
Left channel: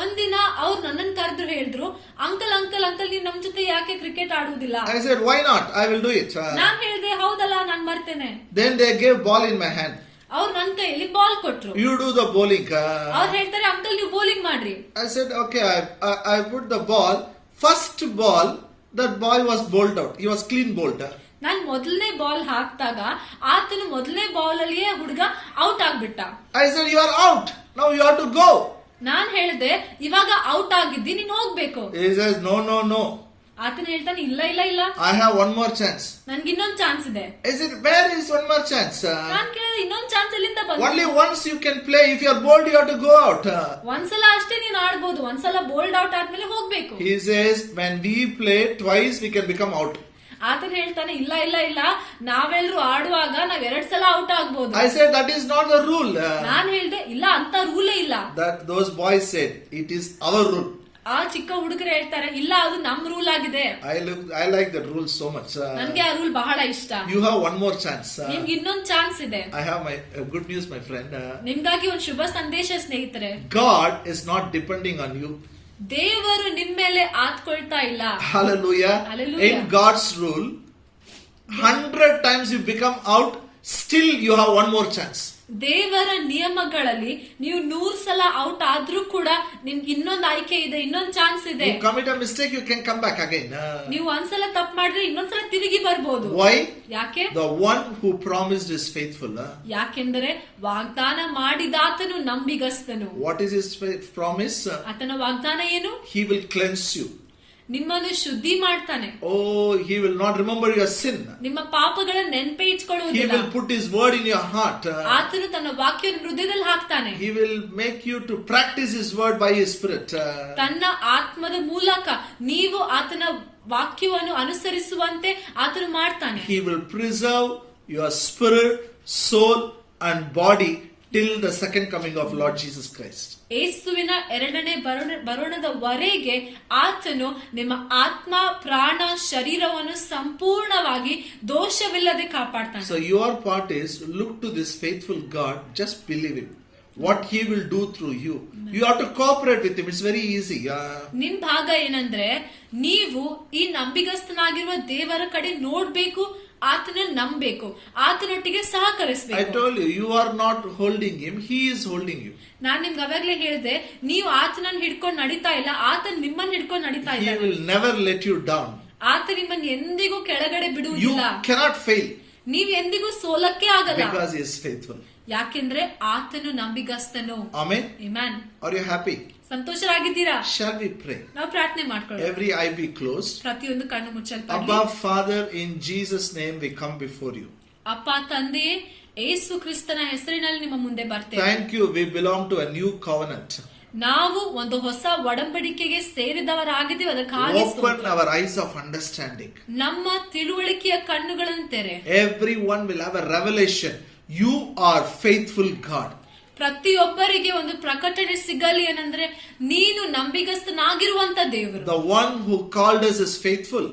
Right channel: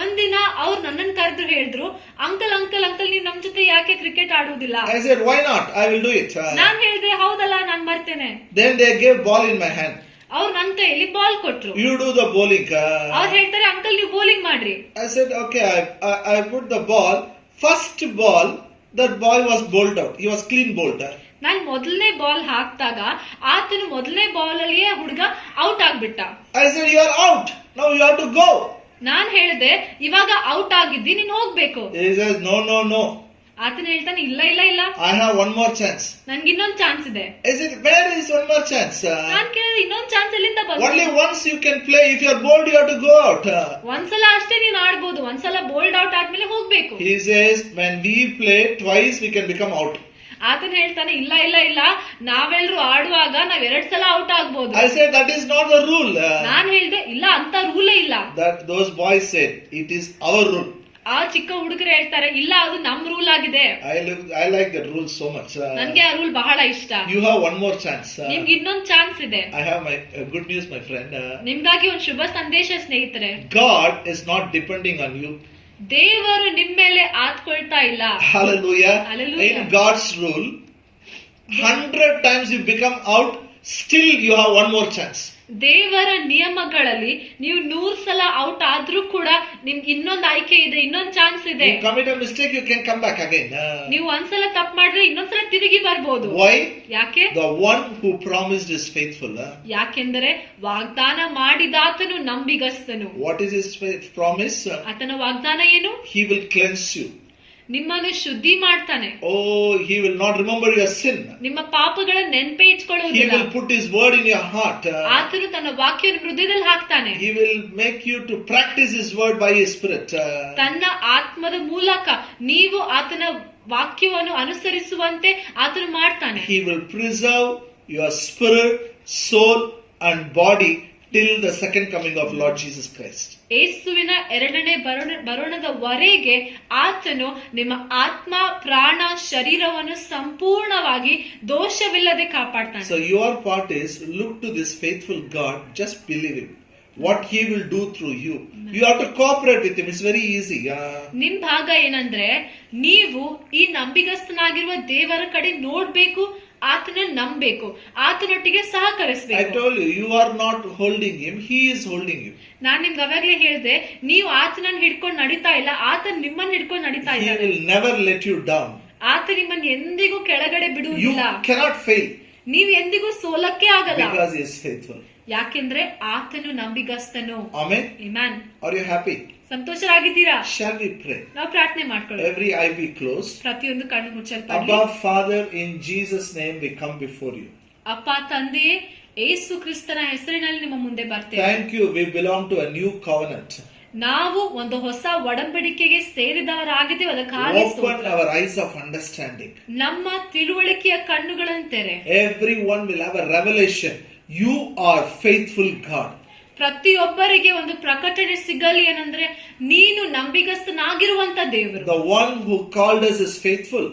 ಒಂದಿನ ಅವ್ರು ನನ್ನನ್ನು ಕರೆದ್ರು, ಹೇಳಿದ್ರು, uncle uncle uncle ನೀವು ನಮ್ ಜೊತೆ ಯಾಕೆ ಕ್ರಿಕೆಟ್ ಆಡುವುದಿಲ್ಲ? I said, why not? I will do it. ನಾನ್ ಹೇಳಿದೆ, ಹೌದಲ್ಲ, ನಾನ್ ಬರ್ತೇನೆ. Then they gave ball in my hand. ಅವ್ರು ನನ್ನ ಕೈಯಲ್ಲಿ ಬಾಲ್ ಕೊಟ್ರು. You do the bowling. ಅವ್ರು ಹೇಳ್ತಾರೆ, ಅಂಕಲ್ ನೀವು ಬೌಲಿಂಗ್ ಮಾಡ್ರಿ. I said, okay, I put the ball. First ball, that boy was bowled out. He was clean bowled. ನಾನ್ ಮೊದಲನೇ ball ಹಾಕ್ದಾಗ ಆತನು ಮೊದಲನೇ ಬಾಲ್ ಅಲ್ಲಿಯೇ ಹುಡುಗ ಔಟ್ ಆಗ್ಬಿಟ್ಟ. I said, you are out. Now you have to go. ನಾನ್ ಹೇಳಿದೆ, ಇವಾಗ out ಆಗಿದ್ದಿ, ನೀನ್ ಹೋಗ್ಬೇಕು. He says, no, no, no. ಆತನ ಹೇಳ್ತಾನೆ, ಇಲ್ಲ ಇಲ್ಲ ಇಲ್ಲ, I have one more chance. ನನ್ಗೆ ಇನ್ನೊಂದ್ ಚಾನ್ಸ್ ಇದೆ. I said, where is one more chance? ನಾನ್ ಕೇಳಿದೆ, ಇನ್ನೊಂದ್ ಚಾನ್ಸ್ ಎಲ್ಲಿಂದ ಬಂತು? Only once you can play. If you are bowled, you have to go out. ಒಂದ್ಸಲ ಅಷ್ಟೇ ನೀನ್ ಆಡ್ಬೋದು, ಒಂದ್ಸಲ ಬೋಲ್ಡ್ ಔಟ್ ಆದ್ಮೇಲೆ ಹೋಗ್ಬೇಕು. He says, when we play twice, we can become out. ಆತನ ಹೇಳ್ತಾನೆ, ಇಲ್ಲ ಇಲ್ಲ ಇಲ್ಲ, ನಾವೆಲ್ಲರೂ ಆಡುವಾಗ ನಾವ್ 2 ಸಲ ಔಟ್ ಆಗ್ಬೋದು. I said, that is not the rule. ನಾನ್ ಹೇಳ್ದೆ, ಇಲ್ಲ, ಅಂತ ರೂಲೇ ಇಲ್ಲ. That those boys said, it is our rule. ಆ ಚಿಕ್ಕ ಹುಡುಗರು ಹೇಳ್ತಾರೆ, ಇಲ್ಲ, ಅದು ನಮ್ ರೂಲ್ ಆಗಿದೆ. I like that rule so much. ನನ್ಗೆ ಆ ರೂಲ್ ಬಹಳ ಇಷ್ಟ. You have one more chance. ನಿಮ್ಗೆ ಇನ್ನೊಂದ್ ಚಾನ್ಸ್ ಇದೆ. I have my good news, my friend. ನಿಮ್ಗಾಗಿ ಒಂದು ಶುಭ ಸಂದೇಶ ಸ್ನೇಹಿತರೆ. God is not depending on you. ದೇವರು ನಿಮ್ ಮೇಲೆ ಆತ್ಕೊಳ್ತಾ ಇಲ್ಲ. Hallelujah. Hallelujah. In God's rule, 100 times you become out, still you have one more chance. ದೇವರ ನಿಯಮಗಳಲ್ಲಿ ನೀವು 100 ಸಲ ಔಟ್ ಆದ್ರೂ ಕೂಡ ನಿಮ್ಗೆ ಇನ್ನೊಂದು ಆಯ್ಕೆ ಇದೆ, ಇನ್ನೊಂದು ಚಾನ್ಸ್ ಇದೆ. You commit a mistake, you can come back again. ನೀವು ಒಂದ್ಸಲ ತಪ್ಪು ಮಾಡಿದ್ರೆ ಇನ್ನೊಂದ್ಸಲ ತಿರುಗಿ ಬರ್ಬೋದು. Why? ಯಾಕೆ? The one who promised is faithful. ಯಾಕೆಂದರೆ ವಾಗ್ದಾನ ಮಾಡಿದಾತನು ನಂಬಿಗಸ್ತನು. What is his promise? ಆತನ ವಾಗ್ದಾನ ಏನು? He will cleanse you. ನಿಮ್ಮನ್ನು ಶುದ್ಧಿ ಮಾಡ್ತಾನೆ. Oh, he will not remember your sin. ನಿಮ್ಮ ಪಾಪಗಳ ನೆನಪೇ He ಇಟ್ಕೊಳ್ಳುವುದಿಲ್ಲ. will put his word in your heart. ಆತನು ತನ್ನ ವಾಕ್ಯವನ್ನು ಹೃದಯದಲ್ಲಿ ಹಾಕ್ತಾನೆ. He will make you to practice his word by his spirit. ತನ್ನ ಆತ್ಮದ ಮೂಲಕ ನೀವು ಆತನ ವಾಕ್ಯವನ್ನು ಅನುಸರಿಸುವಂತೆ ಆತನು ಮಾಡ್ತಾನೆ. He will preserve your spirit, soul and body till the second coming of Lord Jesus Christ. ಯೇಸುವಿನ ಎರಡನೇ ಬರೋಣದವರೆಗೆ ಆತನು ನಿಮ್ಮ ಆತ್ಮ, ಪ್ರಾಣ, ಶರೀರವನ್ನು ಸಂಪೂರ್ಣವಾಗಿ ದೋಷವಿಲ್ಲದೆ ಕಾಪಾಡ್ತಾನೆ. So your part is look to this faithful God, just believe him. What he will do through you. You have to cooperate with him. It's very easy. ನಿಮ್ ಭಾಗ ಏನಂದ್ರೆ, ನೀವು ಈ ನಂಬಿಗಸ್ತನಾಗಿರುವ ದೇವರ ಕಡೆ ನೋಡ್ಬೇಕು, ಆತನ ನಂಬಬೇಕು, ಆತನೊಟ್ಟಿಗೆ I ಸಹಕರಿಸಬೇಕು. told you, you are not holding him, he is holding you. ನಾನ್ ನಿಮ್ಗೆ ಅವಾಗ್ಲೇ ಹೇಳಿದೆ, ನೀವು ಆತನನ್ನು ಹಿಡ್ಕೊಂಡು ನಡೀತಾ ಇಲ್ಲ, ಆತನ ನಿಮ್ಮನ್ನ ಹಿಡ್ಕೊಂಡು ನಡೀತಾ He ಇಲ್ಲ. will never let you down. ಆತ ನಿಮ್ಮನ್ನು ಎಂದಿಗೂ ಕೆಳಗಡೆ You ಬಿಡುವುದಿಲ್ಲ. cannot fail ನೀವ್ ಎಂದಿಗೂ ಸೋಲಕ್ಕೆ ಆಗಲ್ಲ. because he is faithful. ಯಾಕೆಂದ್ರೆ ಆತನು ನಂಬಿಗಸ್ತನು. Amen. Amen. Are you happy? ಸಂತೋಷರಾಗಿದ್ದೀರಾ? Shall we pray? ನಾವು ಪ್ರಾರ್ಥನೆ ಮಾಡ್ಕೊಳ್ಳೋಣ. Every eye be closed. ಪ್ರತಿಯೊಂದು ಕಣ್ಣು ಮುಚ್ಚಲ್ಪಡಲಿ. Abba, Father, in Jesus' name we come before you. ಅಪ್ಪ ತಂದೆಯೇ, ಯೇಸು ಕ್ರಿಸ್ತನ ಹೆಸರಿನಲ್ಲಿ ನಿಮ್ಮ ಮುಂದೆ ಬರ್ತೇವೆ. Thank you. We belong to a new covenant. ನಾವು ಒಂದು ಹೊಸ ಒಡಂಬಡಿಕೆಗೆ ಸೇರಿದವರಾಗಿದ್ದೀವಿ. ಅದಕ್ಕಾಗಿ Open our eyes of understanding. ನಮ್ಮ ತಿಳುವಳಿಕೆಯ ಕಣ್ಣುಗಳನ್ನು ತೆರೆ. Everyone will have a revelation. You are faithful God. ಪ್ರತಿಯೊಬ್ಬರಿಗೆ ಒಂದು ಪ್ರಕಟಣೆ ಸಿಗಲಿ ಏನಂದ್ರೆ, ನೀನು ನಂಬಿಗಸ್ತನಾಗಿರುವಂತ ದೇವರು. The one who called us is faithful.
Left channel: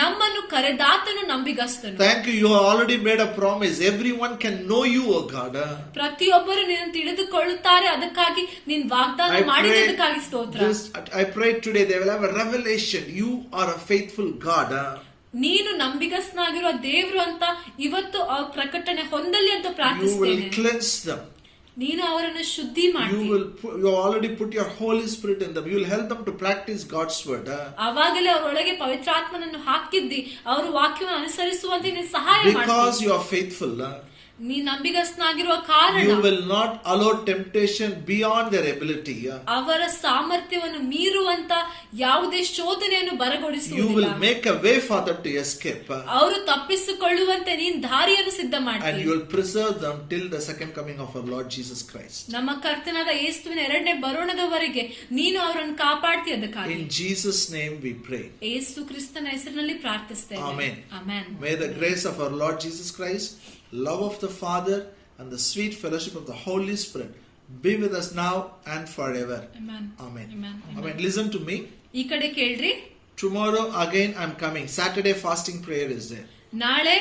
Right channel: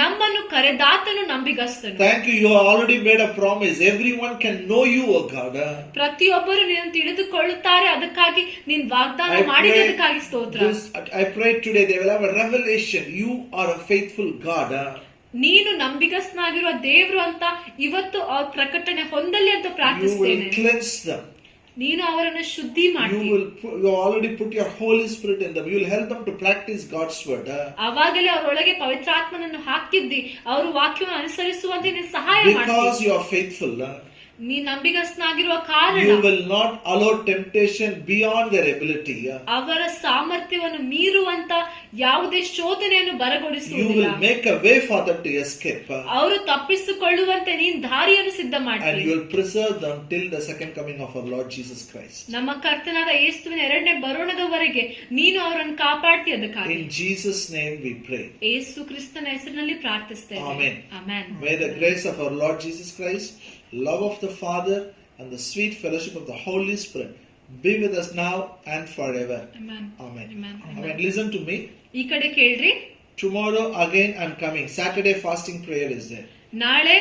ನಮ್ಮನ್ನು ಕರೆದಾತನು ನಂಬಿಗಸ್ತನು. Thank you. You have already made a promise. Everyone can know you, O God. ಪ್ರತಿಯೊಬ್ಬರು ನಿನ್ನ ತಿಳಿದುಕೊಳ್ಳುತ್ತಾರೆ, ಅದಕ್ಕಾಗಿ ನೀನ್ ವಾಗ್ದಾನ ಮಾಡಿದ್ದಕ್ಕಾಗಿ ಸ್ತೋತ್ರ. I pray today they will have a revelation. You are a faithful God. ನೀನು ನಂಬಿಗಸ್ತನಾಗಿರುವ ದೇವರು ಅಂತ ಇವತ್ತು ಅವ್ರ ಪ್ರಕಟಣೆ ಹೊಂದಲಿ ಅಂತ You will ಪ್ರಾರ್ಥಿಸ್ತೇನೆ. cleanse them. ನೀನು ಅವರನ್ನು ಶುದ್ಧಿ ಮಾಡಿ. You already put your Holy Spirit in them. You will help them to practice God's word. ಅವಾಗಲೇ ಅವರೊಳಗೆ ಪವಿತ್ರಾತ್ಮನನ್ನು ಹಾಕಿದ್ದಿ, ಅವರು ವಾಕ್ಯವನ್ನು ಅನುಸರಿಸುವಂತೆ ನೀನು ಸಹಾಯ Because ಮಾಡ್ತೀಯ. you are faithful. ನೀ ನಂಬಿಗಸ್ತನಾಗಿರುವ ಕಾರಣ You will not allow temptation beyond their ability. ಅವರ ಸಾಮರ್ಥ್ಯವನ್ನು ಮೀರುವಂತ ಯಾವುದೇ ಶೋಧನೆಯನ್ನು You ಬರಗೊಡಿಸುವುದಿಲ್ಲ. will make a way for them to escape. ಅವರು ತಪ್ಪಿಸಿಕೊಳ್ಳುವಂತೆ ನೀನ್ ದಾರಿಯನ್ನು ಸಿದ್ಧ And ಮಾಡ್ತೀಯ. you will preserve them till the second coming of our Lord Jesus Christ. ನಮ್ಮ ಕರ್ತನಾದ ಯೇಸುವಿನ ಎರಡನೇ ಬರೋಣದವರೆಗೆ ನೀನು ಅವರನ್ನು ಕಾಪಾಡ್ತೀಯ. ಅದಕ್ಕಾಗಿ In Jesus' name we pray. ಯೇಸು ಕ್ರಿಸ್ತನ ಹೆಸರಿನಲ್ಲಿ ಪ್ರಾರ್ಥಿಸ್ತೇವೆ. Amen. Amen. May the grace of our Lord Jesus Christ, love of the Father, and the sweet fellowship of the Holy Spirit be with us now and forever. Amen. Amen. Amen. Amen. Listen to me. ಈ ಕಡೆ ಕೇಳ್ರಿ. Tomorrow again I'm coming. Saturday fasting prayer is there. ನಾಳೆ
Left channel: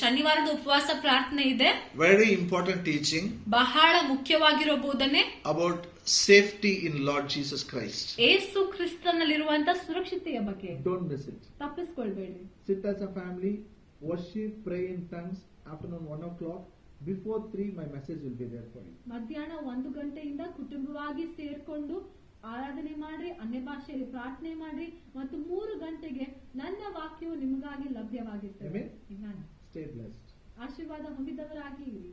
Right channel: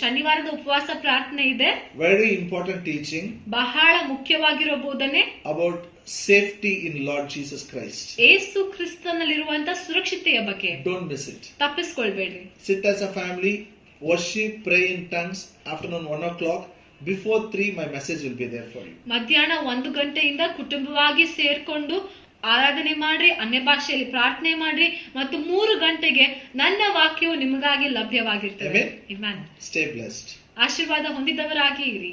ಶನಿವಾರದ ಉಪವಾಸ ಪ್ರಾರ್ಥನೆ ಇದೆ. Very important teaching ಬಹಳ ಮುಖ್ಯವಾಗಿರೋ ಬೋಧನೆ about safety in Lord Jesus Christ. ಯೇಸು ಕ್ರಿಸ್ತನಲ್ಲಿರುವಂತ ಸುರಕ್ಷತೆಯ ಬಗ್ಗೆ Don't miss it. ತಪ್ಪಿಸ್ಕೊಳ್ಬೇಡ್ರಿ. Sit as a family, worship, pray in tongues. Afternoon 1 o'clock. Before 3, my message will be there for you. ಮಧ್ಯಾಹ್ನ 1 ಗಂಟೆಯಿಂದ ಕುಟುಂಬವಾಗಿ ಸೇರ್ಕೊಂಡು ಆರಾಧನೆ ಮಾಡ್ರಿ, ಅನ್ಯ ಭಾಷೆಯಲ್ಲಿ ಪ್ರಾರ್ಥನೆ ಮಾಡ್ರಿ, ಮತ್ತು 3 ಗಂಟೆಗೆ ನನ್ನ ವಾಕ್ಯವು ನಿಮಗಾಗಿ ಲಭ್ಯವಾಗಿರ್ತದೆ. Amen. Amen. Stay blessed. ಆಶೀರ್ವಾದ ಹೊಂದಿದವರಾಗಿ ಇರಿ.